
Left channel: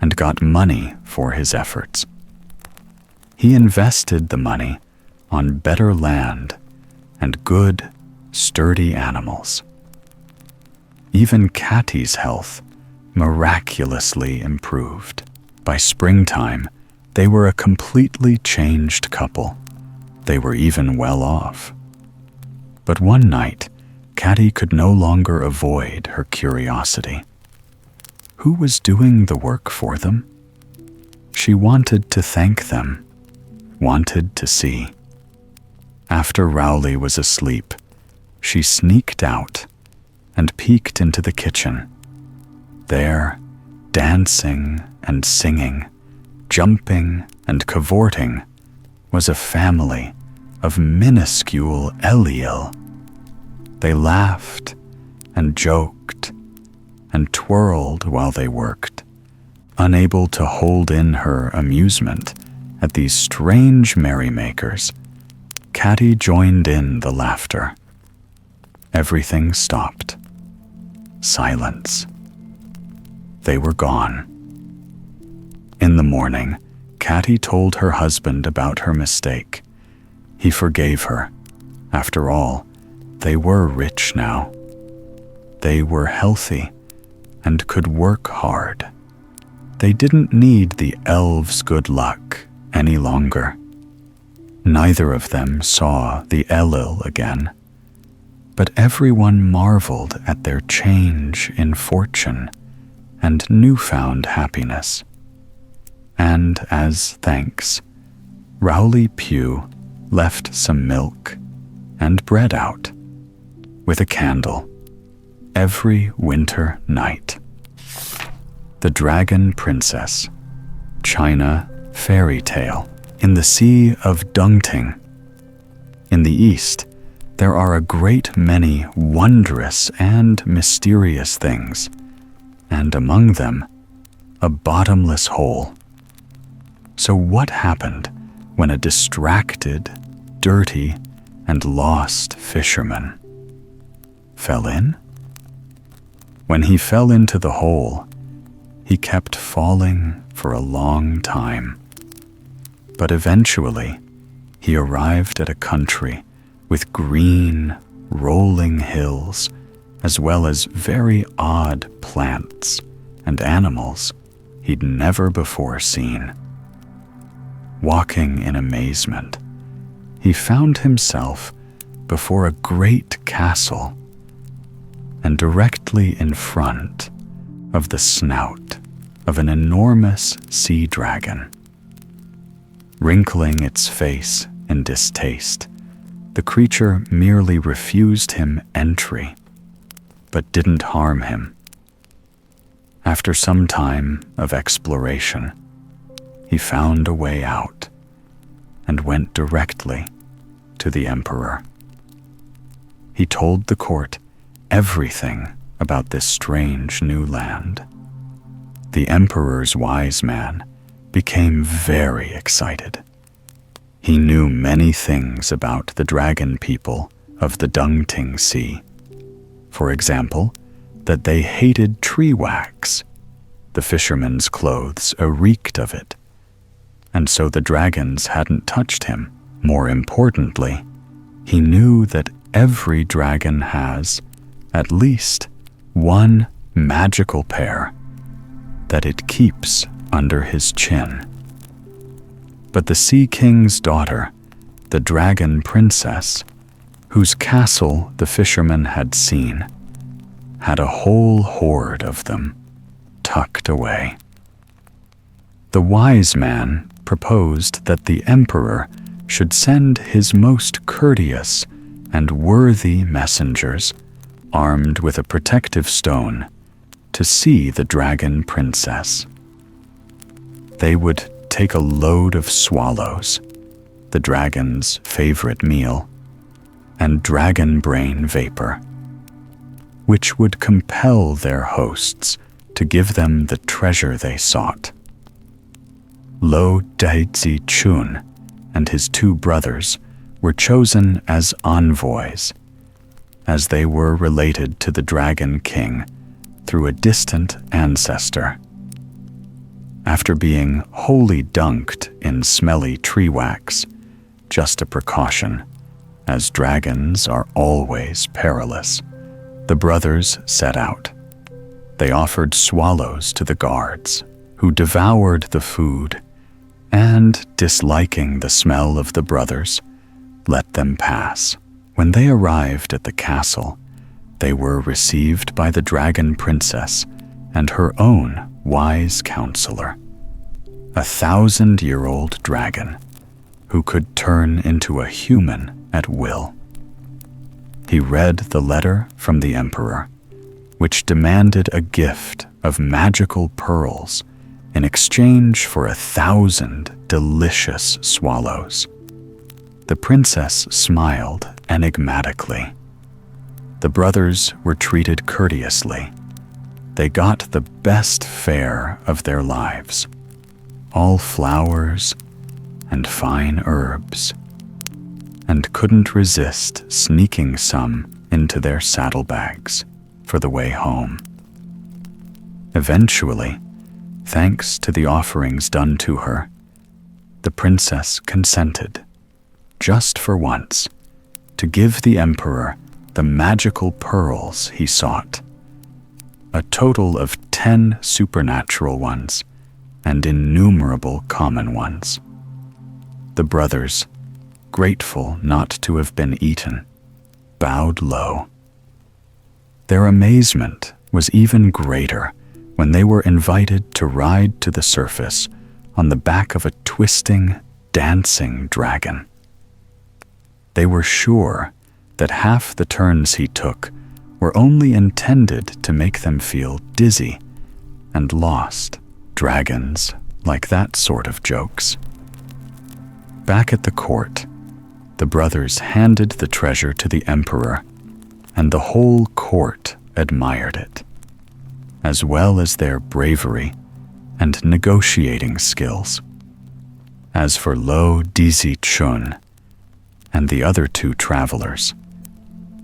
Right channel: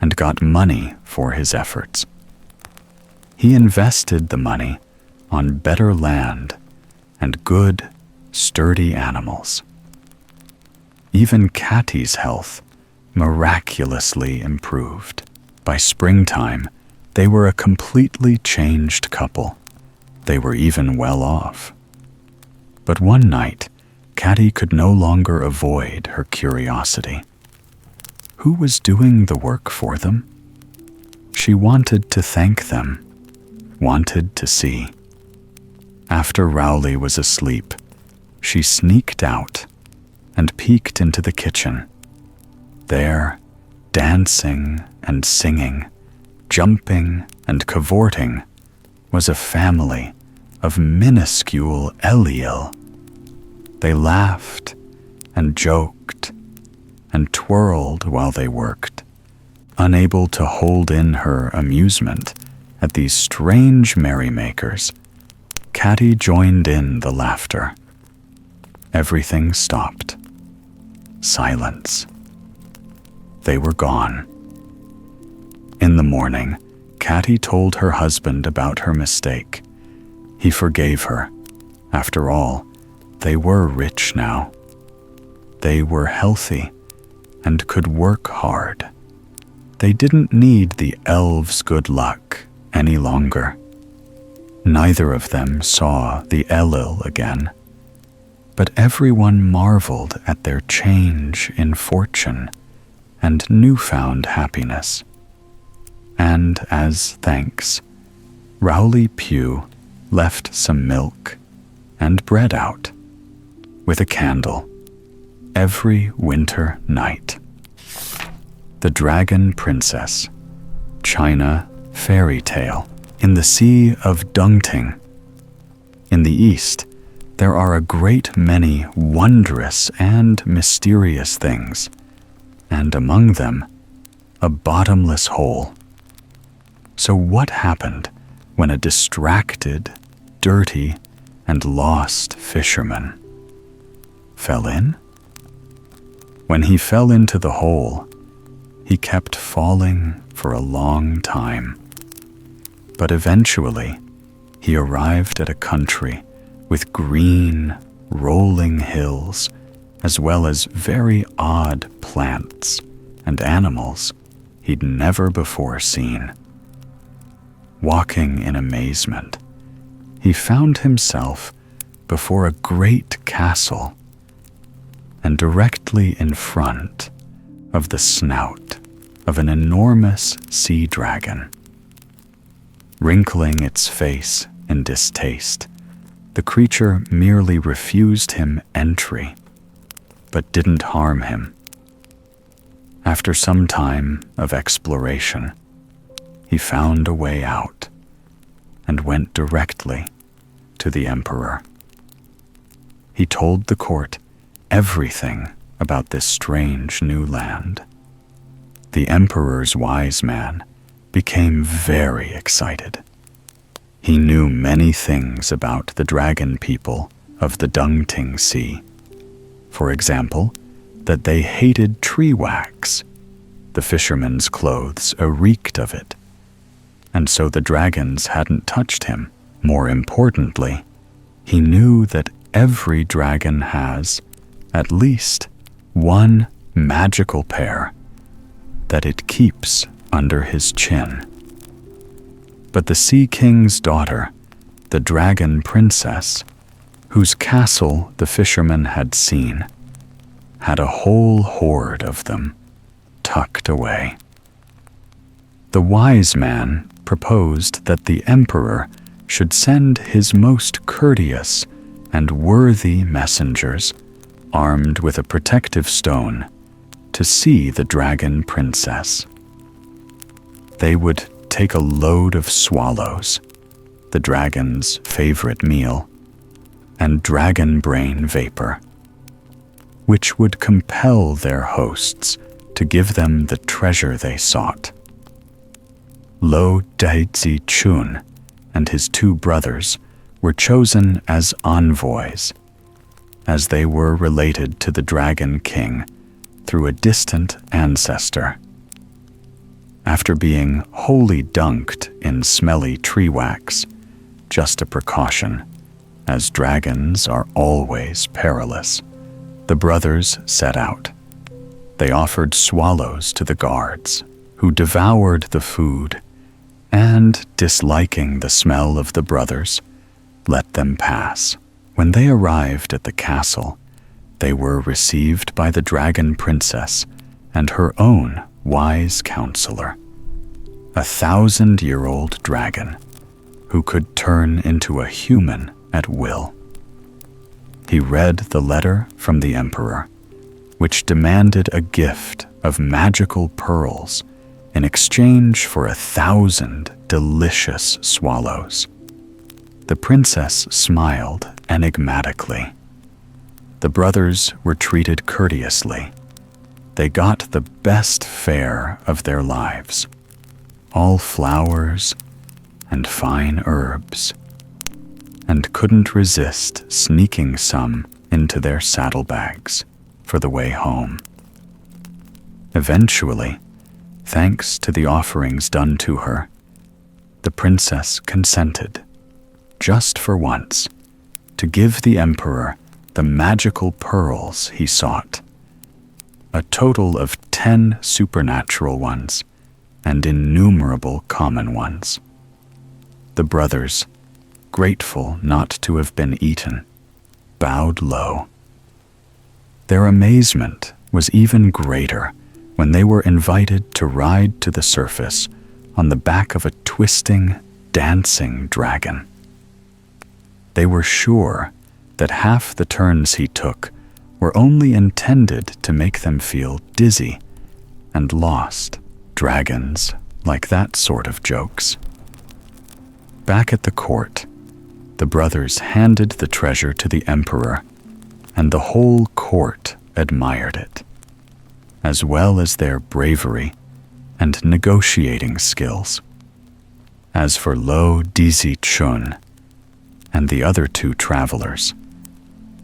and got money for his efforts. He invested the money on better land and good, sturdy animals. Even Catty's health miraculously improved. By springtime, they were a completely changed couple. They were even well off. But one night, Catty could no longer avoid her curiosity. Who was doing the work for them? She wanted to thank them, wanted to see. After Rowli was asleep, she sneaked out and peeked into the kitchen. There, dancing and singing, jumping and cavorting, was a family of minuscule Eliel. They laughed and joked and twirled while they worked, unable to hold in her amusement at these strange merrymakers. Catty joined in the laughter. Everything stopped. Silence. They were gone. In the morning, Catty told her husband about her mistake. He forgave her. After all, they were rich now. They were healthy and could work hard. They didn't need the elves' good luck any longer. Neither of them saw the Elil again, but everyone marveled at their change in fortune and newfound happiness. And as thanks, Rowli Pugh left some milk and bread out with a candle every winter night. The Dragon Princess, China Fairy Tale. In the Sea of Dungting. In the East, there are a great many wondrous and mysterious things, and among them, a bottomless hole. So what happened when a distracted, dirty, and lost fisherman fell in? When he fell into the hole, he kept falling for a long time. But eventually, he arrived at a country with green, rolling hills, as well as very odd plants and animals he'd never before seen. Walking in amazement, he found himself before a great castle, and directly in front of the snout of an enormous sea dragon. Wrinkling its face in distaste, the creature merely refused him entry, but didn't harm him. After some time of exploration, he found a way out and went directly to the emperor. He told the court everything about this strange new land. The emperor's wise man became very excited. He knew many things about the dragon people of the Dungting Sea. For example, that they hated tree wax. The fishermen's clothes reeked of it, and so the dragons hadn't touched him. More importantly, he knew that every dragon has at least one magical pair that it keeps under his chin. But the Sea King's daughter, the dragon princess, whose castle the fisherman had seen, had a whole horde of them tucked away. The wise man proposed that the emperor should send his most courteous and worthy messengers, armed with a protective stone, to see the dragon princess. They would take a load of swallows, the dragon's favorite meal, and dragon brain vapor, which would compel their hosts to give them the treasure they sought. Lo Daiji Chun and his two brothers were chosen as envoys, as they were related to the Dragon King through a distant ancestor. After being wholly dunked in smelly tree wax, just a precaution, as dragons are always perilous, the brothers set out. They offered swallows to the guards, who devoured the food, and, disliking the smell of the brothers, let them pass. When they arrived at the castle, they were received by the dragon princess and her own wise counselor, a 1,000-year-old dragon who could turn into a human at will. He read the letter from the emperor, which demanded a gift of magical pearls in exchange for 1,000 delicious swallows. The princess smiled enigmatically. The brothers were treated courteously. They got the best fare of their lives, all flowers and fine herbs, and couldn't resist sneaking some into their saddlebags for the way home. Eventually, thanks to the offerings done to her, the princess consented, just for once, to give the emperor the magical pearls he sought, a total of 10 supernatural ones and innumerable common ones. The brothers, grateful not to have been eaten, bowed low. Their amazement was even greater when they were invited to ride to the surface on the back of a twisting, dancing dragon. They were sure that half the turns he took were only intended to make them feel dizzy and lost. Dragons like that sort of jokes. Back at the court, the brothers handed the treasure to the emperor, and the whole court admired it, as well as their bravery and negotiating skills. As for Lo Dizi Chun and the other two travelers,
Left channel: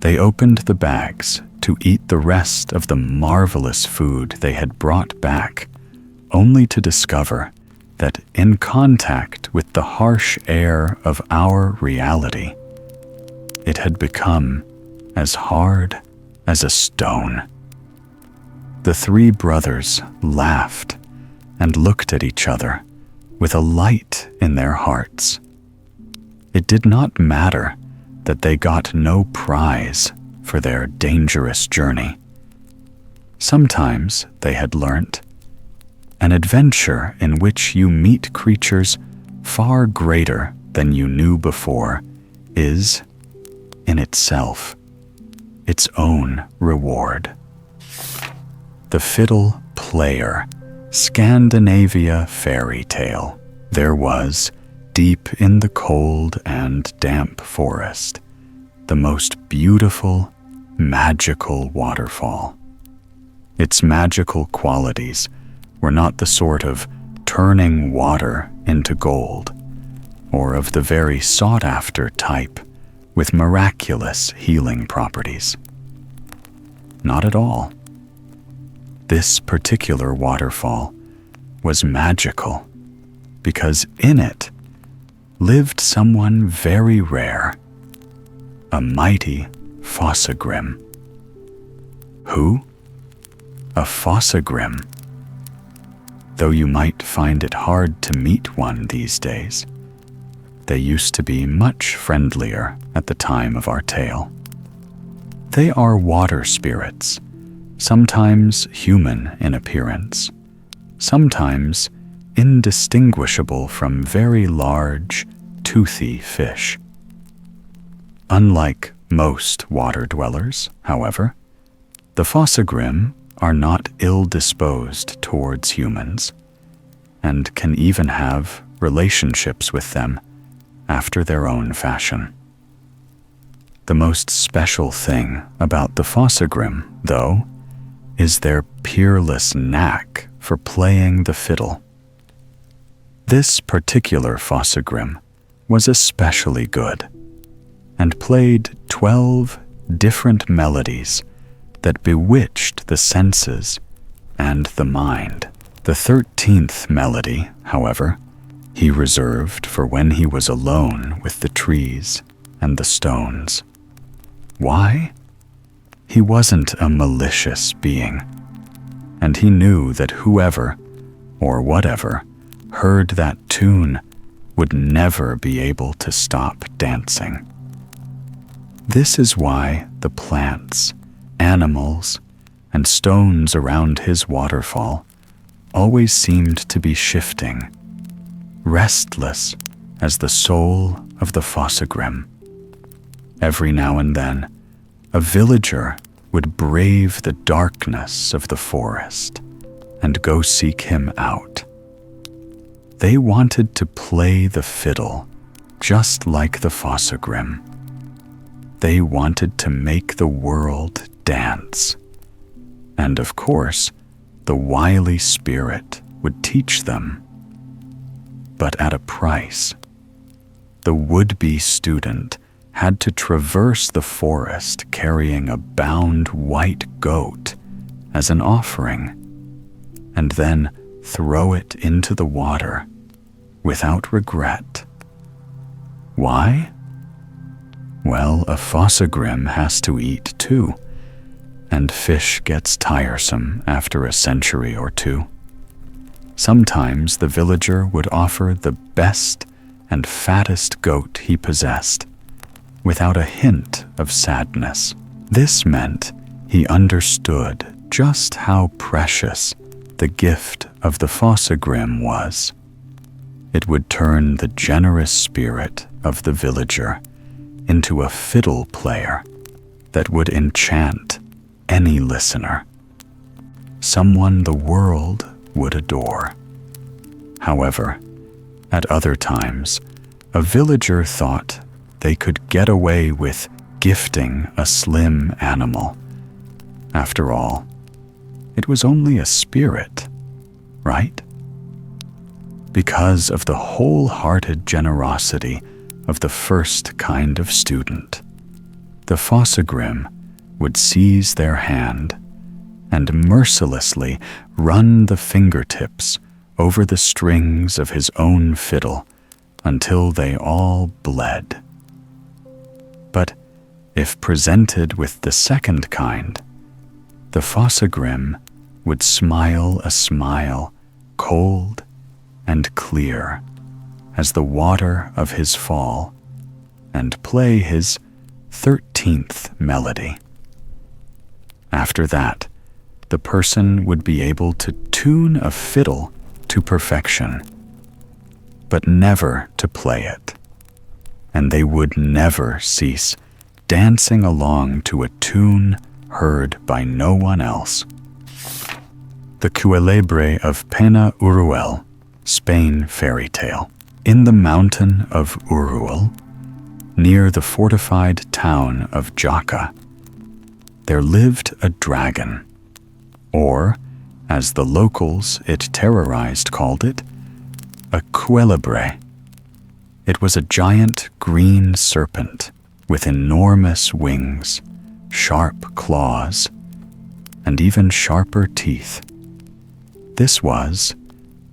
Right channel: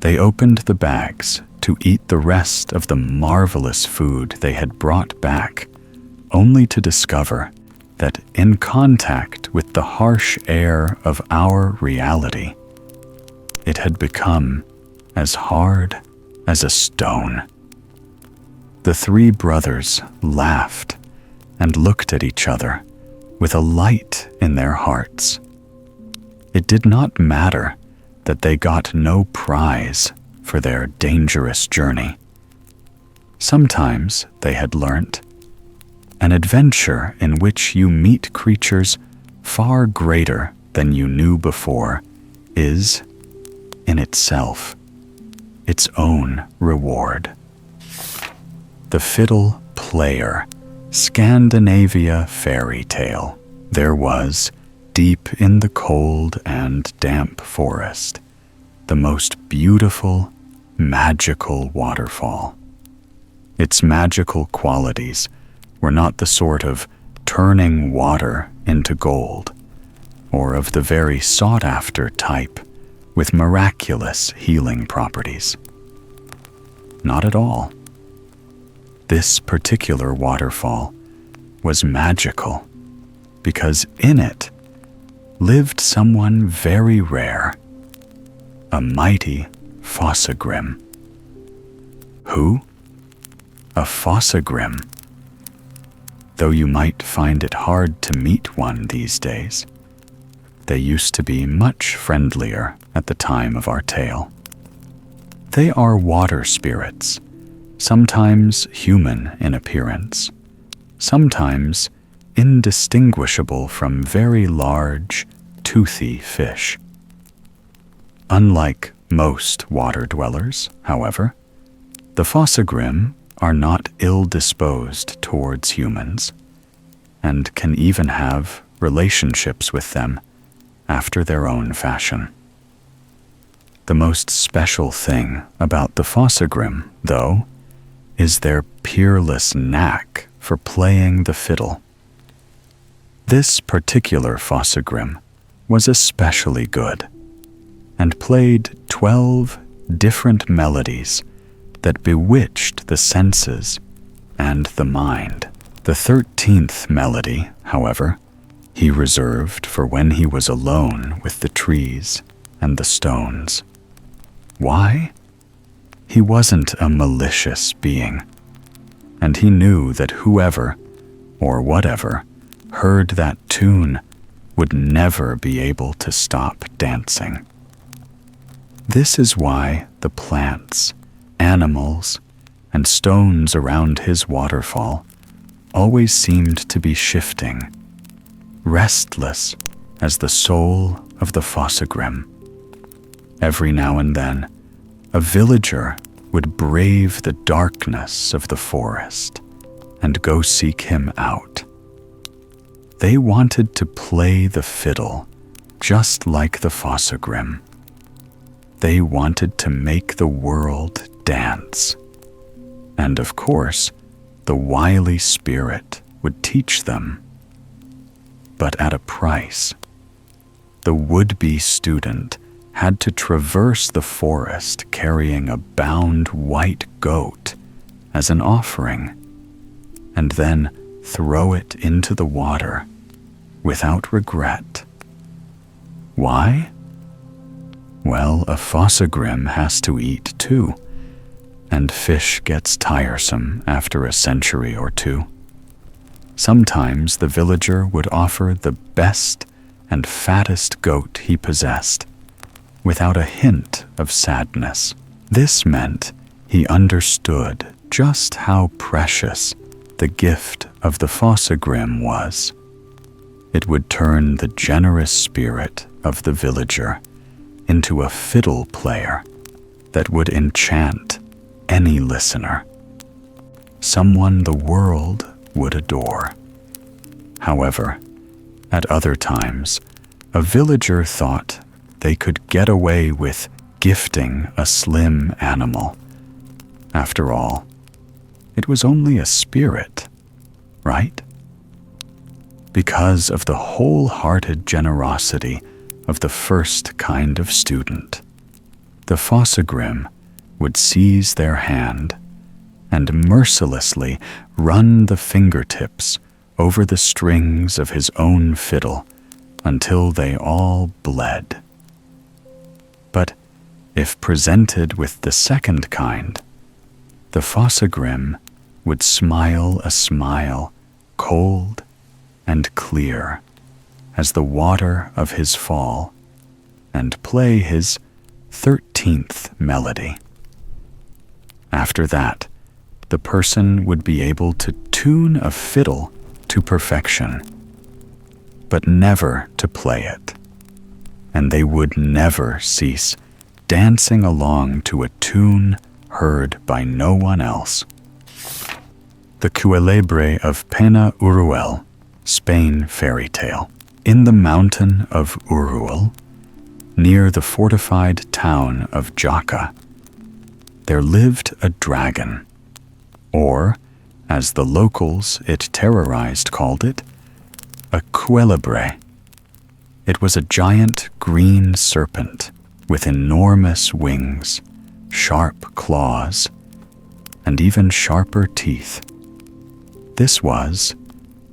they opened the bags to eat the rest of the marvelous food they had brought back, only to discover that in contact with the harsh air of our reality, it had become as hard as a stone. The three brothers laughed and looked at each other with a light in their hearts. It did not matter that they got no prize for their dangerous journey. Sometimes, they had learnt, An adventure in which you meet creatures far greater than you knew before is, in itself, its own reward. The Fiddle Player, Scandinavia fairy tale. There was, deep in the cold and damp forest, the most beautiful, magical waterfall. Its magical qualities were not the sort of turning water into gold, or of the very sought-after type with miraculous healing properties. Not at all. This particular waterfall was magical because in it lived someone very rare, a mighty Fossagrim. Who? A Fossagrim. Though you might find it hard to meet one these days, they used to be much friendlier at the time of our tale. They are water spirits, sometimes human in appearance, sometimes indistinguishable from very large, toothy fish. Unlike most water dwellers, however, the Fossagrim are not ill-disposed towards humans, and can even have relationships with them after their own fashion. The most special thing about the Fossagrim, though, is their peerless knack for playing the fiddle. This particular Fossagrim was especially good, and played 12 different melodies that bewitched the senses and the mind. The 13th melody, however, he reserved for when he was alone with the trees and the stones. Why? He wasn't a malicious being, and he knew that whoever, or whatever, heard that tune would never be able to stop dancing. This is why the plants, animals, and stones around his waterfall always seemed to be shifting, restless as the soul of the Fossagrim. Every now and then, a villager would brave the darkness of the forest and go seek him out. They wanted to play the fiddle just like the Fossagrim. They wanted to make the world dance. And of course, the wily spirit would teach them. But at a price. The would-be student had to traverse the forest carrying a bound white goat as an offering, and then throw it into the water without regret. Why? Well, a Fossagrim has to eat too, and fish gets tiresome after a century or two. Sometimes the villager would offer the best and fattest goat he possessed, without a hint of sadness. This meant he understood just how precious the gift of the Fossagrim was. It would turn the generous spirit of the villager into a fiddle player that would enchant any listener, someone the world would adore. However, at other times, a villager thought they could get away with gifting a slim animal. After all, it was only a spirit, right? Because of the wholehearted generosity of the first kind of student, the Fossagrim would seize their hand and mercilessly run the fingertips over the strings of his own fiddle until they all bled. But if presented with the second kind, the Fossagrim would smile a smile cold and clear as the water of his fall and play his 13th melody. After that, the person would be able to tune a fiddle to perfection, but never to play it, and they would never cease dancing along to a tune heard by no one else. The Cuelebre of Pena Uruel, Spain fairy tale. In the mountain of Uruel, near the fortified town of Jaca, there lived a dragon, or, as the locals it terrorized called it, a cuelebre. It was a giant green serpent with enormous wings, sharp claws, and even sharper teeth. This was,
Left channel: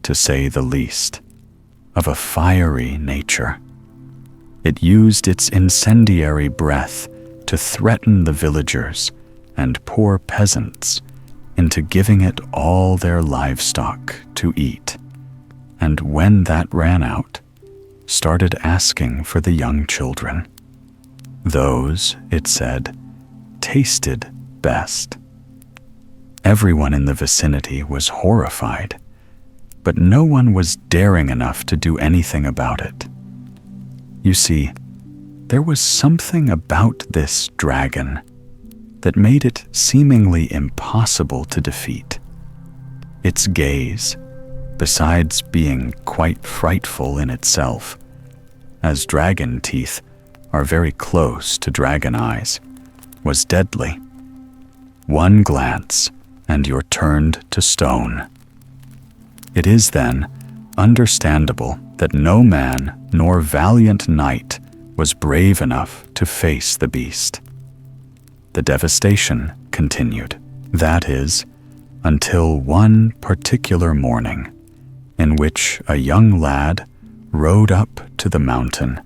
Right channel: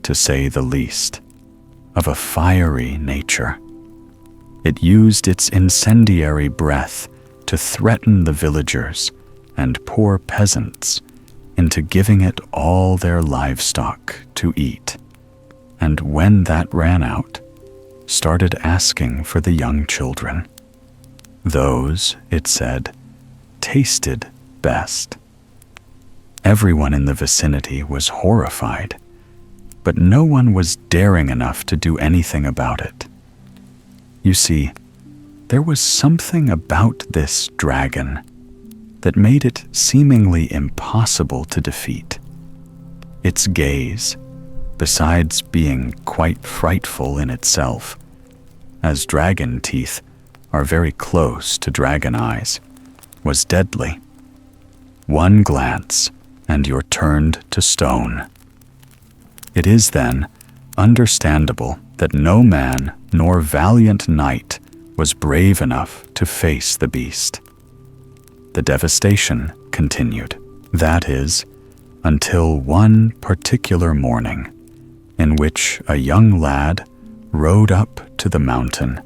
to say the least, of a fiery nature. It used its incendiary breath to threaten the villagers and poor peasants into giving it all their livestock to eat, and when that ran out, started asking for the young children. Those, it said, tasted best. Everyone in the vicinity was horrified, but no one was daring enough to do anything about it. You see, there was something about this dragon that made it seemingly impossible to defeat. Its gaze, besides being quite frightful in itself, as dragon teeth are very close to dragon eyes, was deadly. One glance, and you're turned to stone. It is, then, understandable that no man nor valiant knight was brave enough to face the beast. The devastation continued, that is, until one particular morning, in which a young lad rode up to the mountain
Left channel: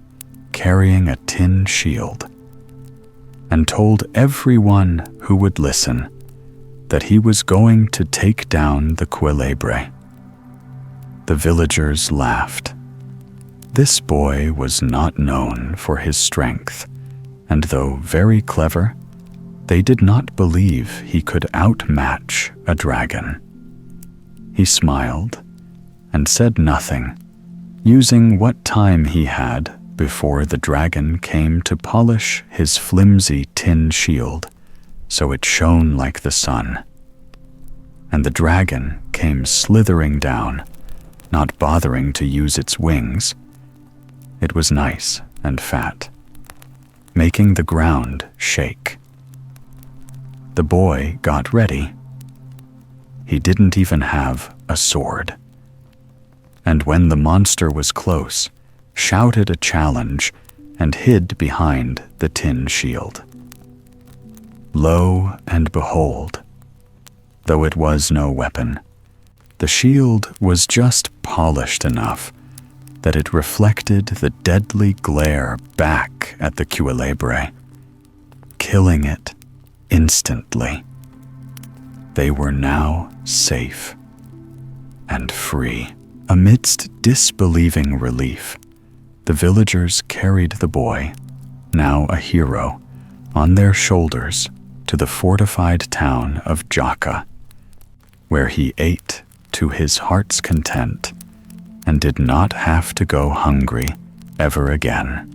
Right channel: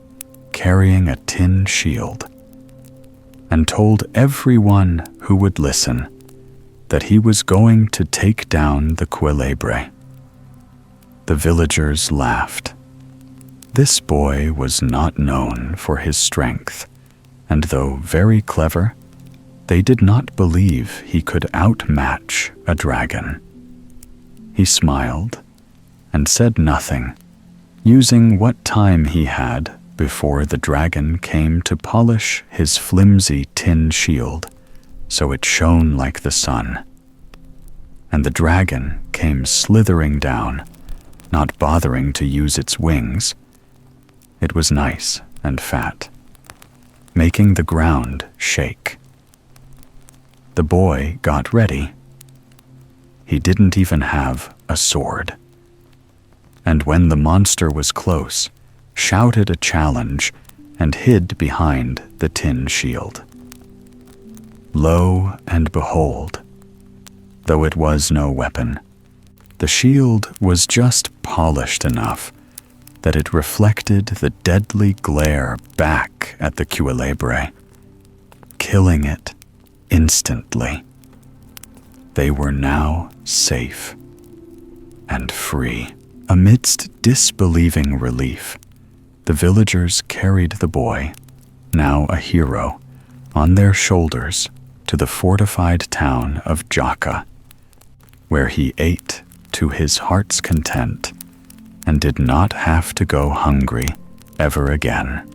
carrying a tin shield, and told everyone who would listen that he was going to take down the Cuelebre. The villagers laughed. This boy was not known for his strength, and though very clever, they did not believe he could outmatch a dragon. He smiled and said nothing, using what time he had before the dragon came to polish his flimsy tin shield so it shone like the sun. And the dragon came slithering down, not bothering to use its wings. It was nice and fat, making the ground shake. The boy got ready. He didn't even have a sword. And when the monster was close, shouted a challenge and hid behind the tin shield. Lo and behold, though it was no weapon, the shield was just polished enough that it reflected the deadly glare back at the Cuelebre, killing it instantly. They were now safe and free. Amidst disbelieving relief, the villagers carried the boy, now a hero, on their shoulders to the fortified town of Jaca, where he ate to his heart's content and did not have to go hungry ever again.